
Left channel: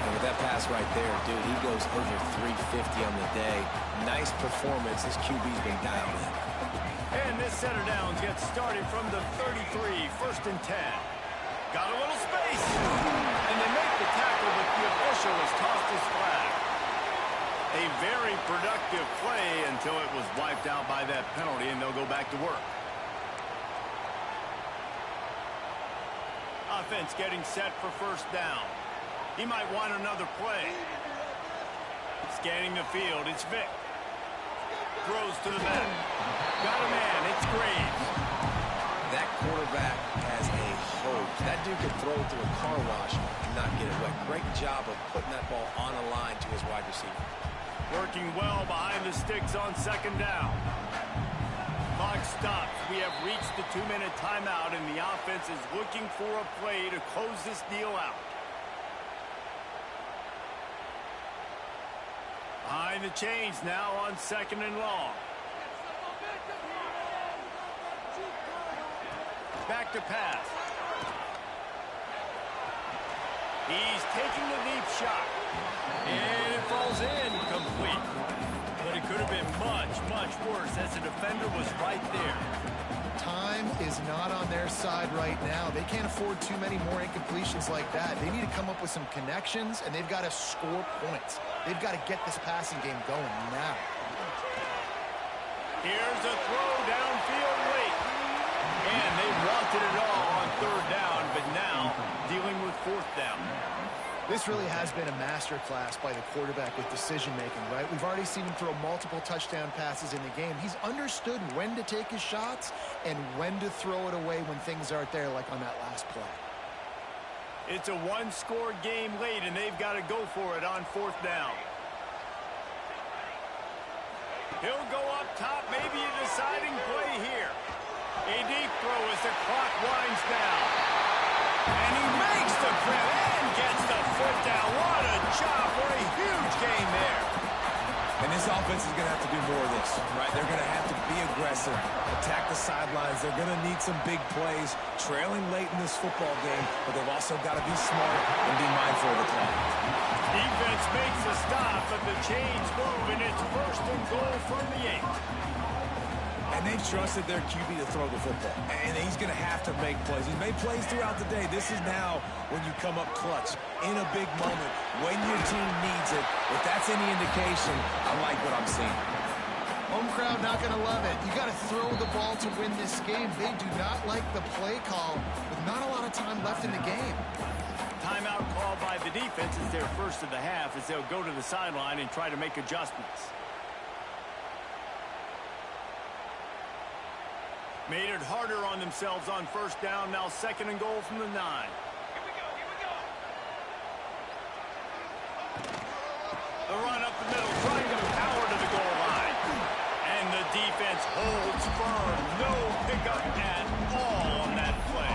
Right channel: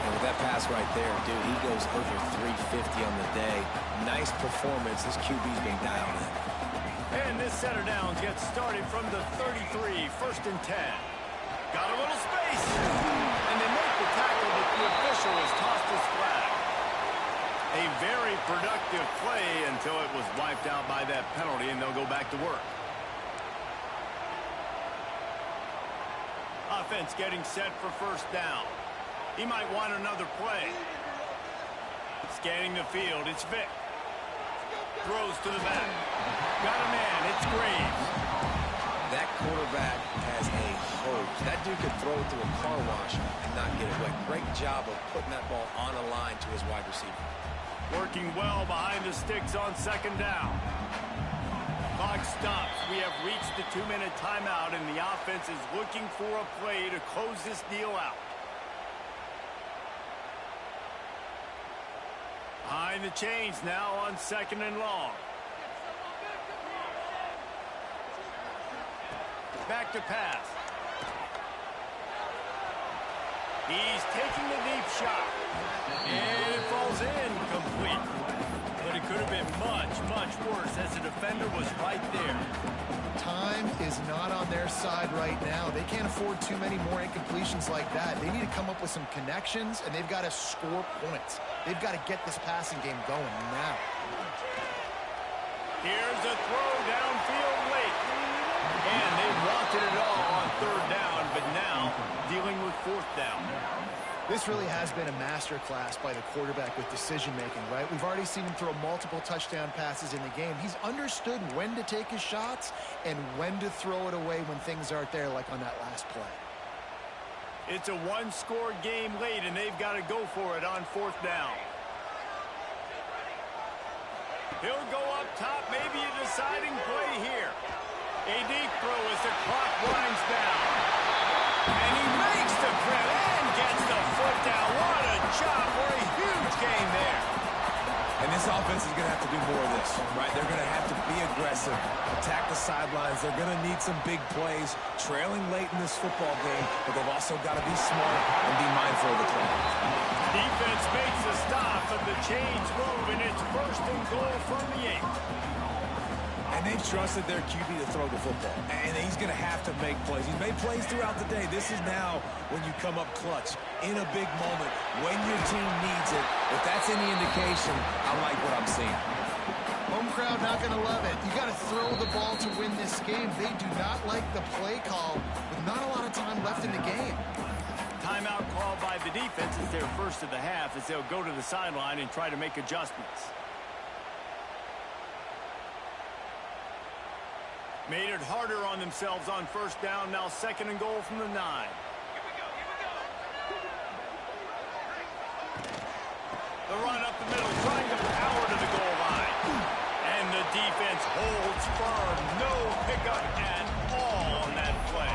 And with that pass right there, dude, he goes over 350 on the day. Nice performance. This QB's been dialed in. And this set of downs gets started from the 33, first and 10. Got a little space. And they make the tackle, but the official has tossed his flag. A very productive play until it was wiped out by that penalty, and they'll go back to work. Offense getting set for first down. He might want another play. Scanning the field, it's Vic. Throws to the back. Got a man, it's Graves. That quarterback has a hose. That dude could throw it through a car wash and not get it wet. Great job of putting that ball on a line to his wide receiver. Working well behind the sticks on second down. Clock stops. We have reached the 2-minute timeout, and the offense is looking for a play to close this deal out. Behind the chains now on second and long. Back to pass. He's taking the deep shot. And it falls incomplete. But it could have been much, much worse as the defender was right there. Time is not on their side right now. They can't afford too many more incompletions like that. They need to come up with some connections, and they've got to score points. They've got to get this passing game going now. Here's a throw downfield late. And they wanted it all on third down, but now dealing with fourth down. This really has been a masterclass by the quarterback with decision-making, right? We've already seen him throw multiple touchdown passes in the game. He's understood when to take his shots and when to throw it away when things aren't there, like on that last play. It's a one-score game late, and they've got to go for it on fourth down. He'll go up top, maybe a deciding play here. A deep throw as the clock winds down. And he makes the grab and gets the foot down. What a job for a huge gain there. And this offense is going to have to do more of this, right? They're going to have to be aggressive, attack the sidelines. They're going to need some big plays, trailing late in this football game, but they've also got to be smart and be mindful of the clock. Defense makes a stop, but the chains move, and it's first and goal from the 8. And they've trusted their QB to throw the football. And he's going to have to make plays. He's made plays throughout the day. This is now when you come up clutch in a big moment when your team needs it. If that's any indication, I like what I'm seeing. Home crowd not going to love it. You got to throw the ball to win this game. They do not like the play call with not a lot of time left in the game. Timeout called by the defense is their first of the half as they'll go to the sideline and try to make adjustments. Made it harder on themselves on first down. Now second and goal from the 9. Here we go. The run up the middle, trying to power to the goal line. And the defense holds firm. No pickup at all on that play.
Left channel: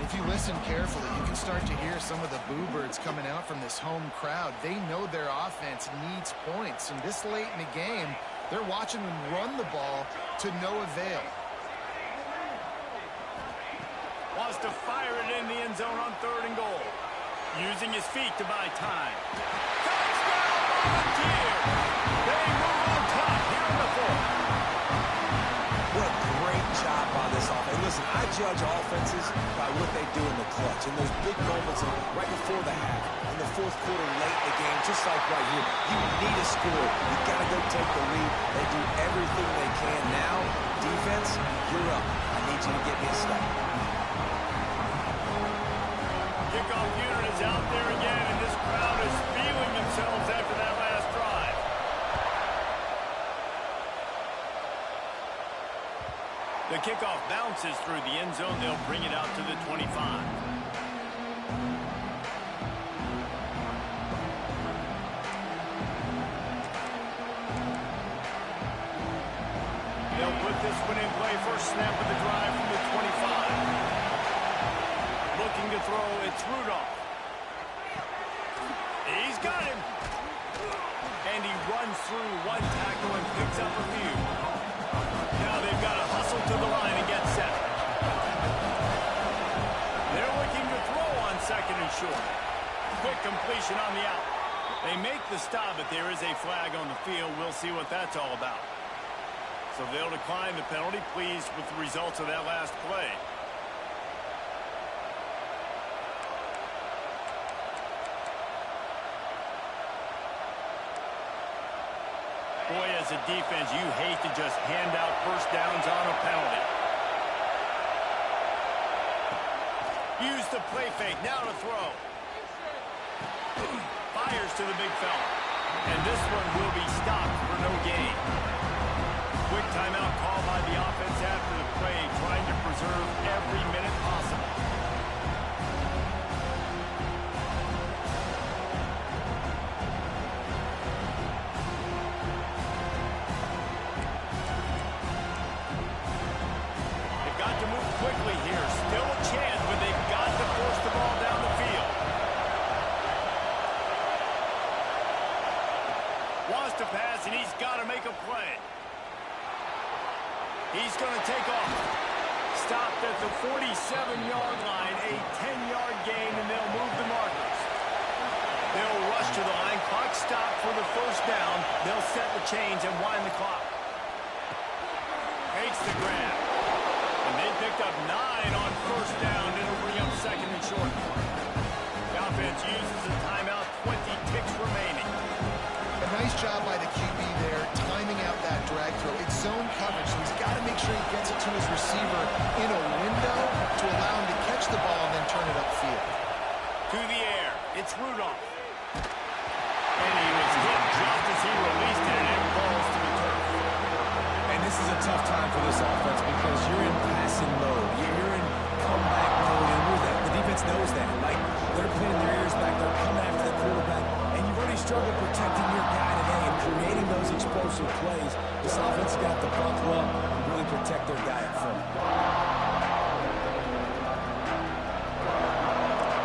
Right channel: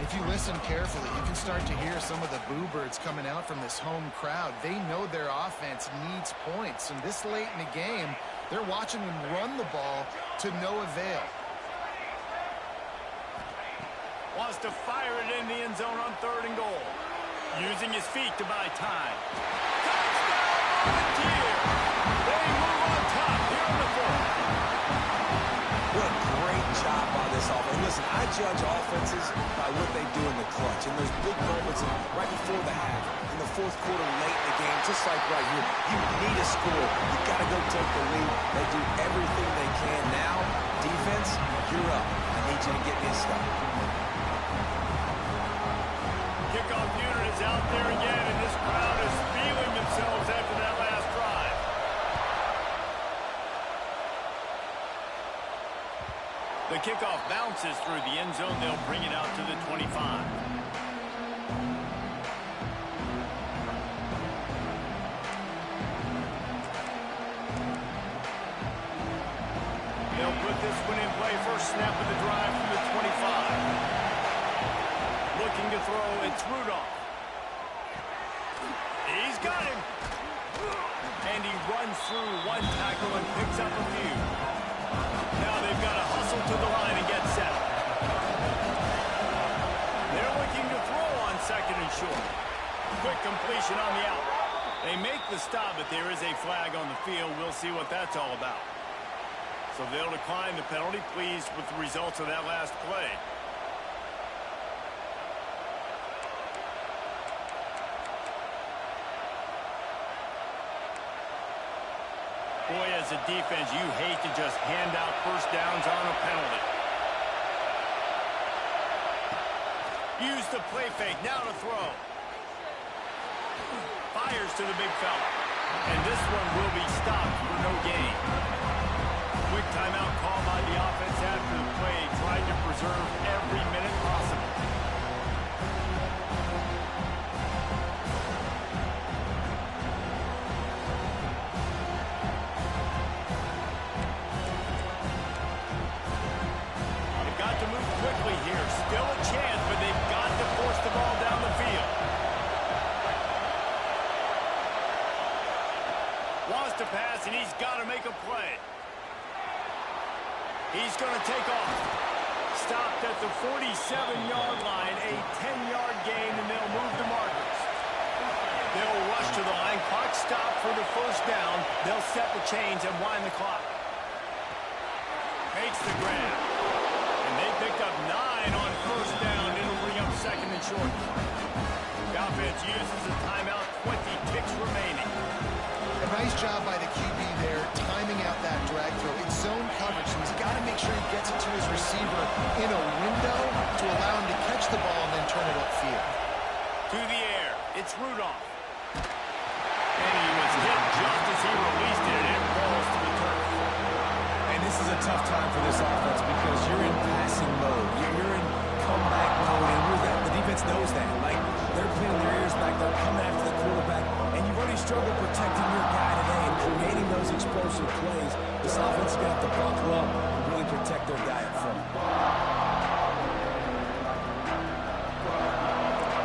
If you listen carefully, you can start to hear some of the boo birds coming out from this home crowd. They know their offense needs points, and this late in the game, they're watching them run the ball to no avail. Wants to fire it in the end zone on third and goal. Using his feet to buy time. Touchdown, Volunteers! They move on top here in the 4th. What a great job by this offense. And listen, I judge offenses by what they do in the clutch. In those big moments right before the half, in the fourth quarter, late in the game, just like right here, you need a score. You got to go take the lead. They do everything they can. Now, defense, you're up. I need you to get me a stop. Kickoff unit is out there again, and this crowd is feeling themselves after that last drive. The kickoff bounces through the end zone. They'll bring it out to the 25. They'll put this one in play. First snap of the drive from the 25. Looking to throw, it's Rudolph. He's got him. And he runs through one tackle and picks up a few. Now they've got to hustle to the line and get set. They're looking to throw on second and short. Quick completion on the out. They make the stop, but there is a flag on the field. We'll see what that's all about. So they'll decline the penalty, pleased with the results of that last play. Boy, as a defense, you hate to just hand out first downs on a penalty. Use the play fake, now to throw. Fires to the big fella. And this one will be stopped for no gain. Quick timeout call by the offense after the play, trying to preserve every minute possible. Got to move quickly here. Still a chance, but they've got to force the ball down the field. Wants to pass, and he's got to make a play. He's going to take off. Stopped at the 47-yard line, a 10-yard gain, and they'll move the markers. They'll rush to the line. Clock stopped for the first down. They'll set the chains and wind the clock. Makes the grab. And they picked up 9 on first down. It'll bring up second and short. The offense uses a timeout, 20 ticks remaining. A nice job by the QB there, timing out that drag throw. It's zone coverage, so he's got to make sure he gets it to his receiver in a window to allow him to catch the ball and then turn it upfield. To the air, it's Rudolph. And he was hit just as he released it, and it falls to the turf. And this is a tough time for this offense because you're in passing mode. You're in comeback mode, and the defense defense knows that. Like, they're pinning their ears back. They're coming after the quarterback. And you've already struggled protecting your guy today and creating those explosive plays. This offense has got to buckle up and really protect their guy up front.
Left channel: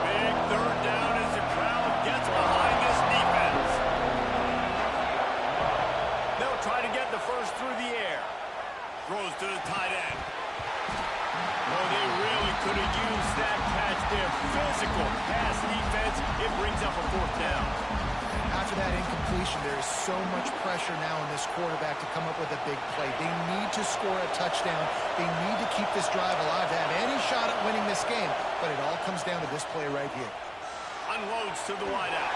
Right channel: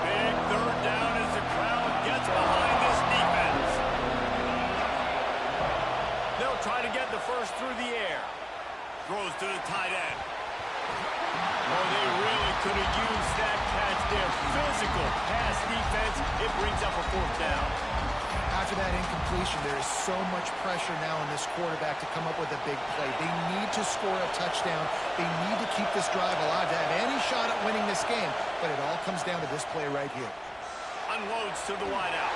Big third down as the crowd gets behind this defense. They'll try to get the first through the air. Throws to the tight end. Oh, they really could have used that catch there. Physical pass defense. It brings up a fourth down. After that incompletion, there is so much pressure now on this quarterback to come up with a big play. They need to score a touchdown. They need to keep this drive alive to have any shot at winning this game. But it all comes down to this play right here. Unloads to the wideout.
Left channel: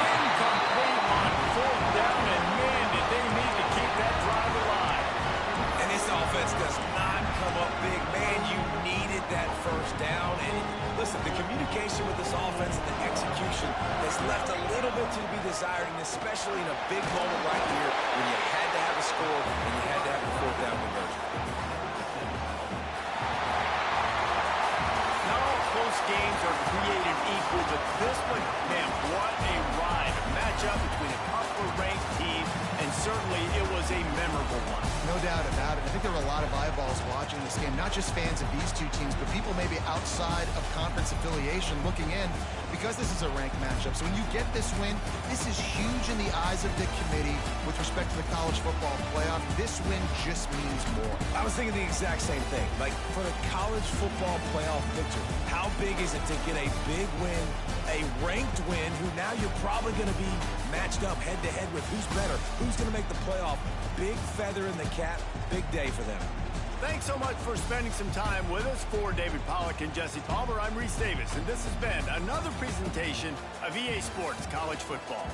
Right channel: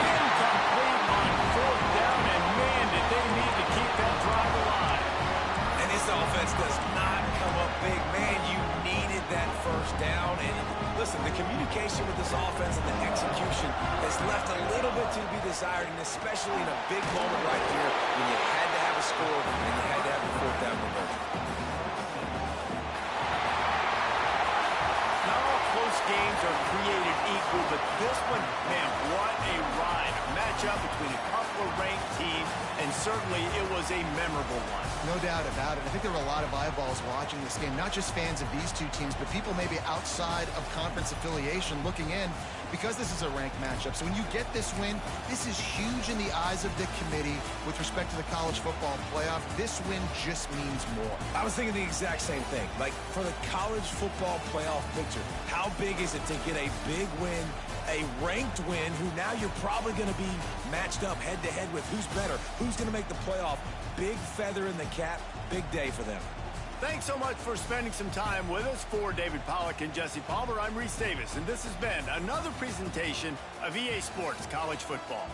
Incomplete on fourth down, and man, did they need to keep that drive alive. And this offense does not come up big. Man, you needed that first down. And listen, the communication with this offense and the execution has left a little bit to be desired, and especially in a big moment right here when you had to have a score and you had to have the fourth down conversion. Not all close games are created equal, but this one, man, what a ride. A matchup between a couple of ranked teams, and certainly it was a memorable one. No doubt about it. I think there were a lot of eyeballs watching this game, not just fans of these two teams, but people maybe outside of conference affiliation looking in because this is a ranked matchup. So when you get this win, this is huge in the eyes of the committee with respect to the college football playoff. This win just means more. I was thinking the exact same thing. Like, for the college football playoff picture, how big is it to get a big win, a ranked win, who now you're probably going to be matched up head-to-head with who's better, who's going to make the playoff. Big feather in the cap, big day for them. Thanks so much for spending some time with us. For David Pollack and Jesse Palmer, I'm Reese Davis, and this has been another presentation of EA Sports College Football.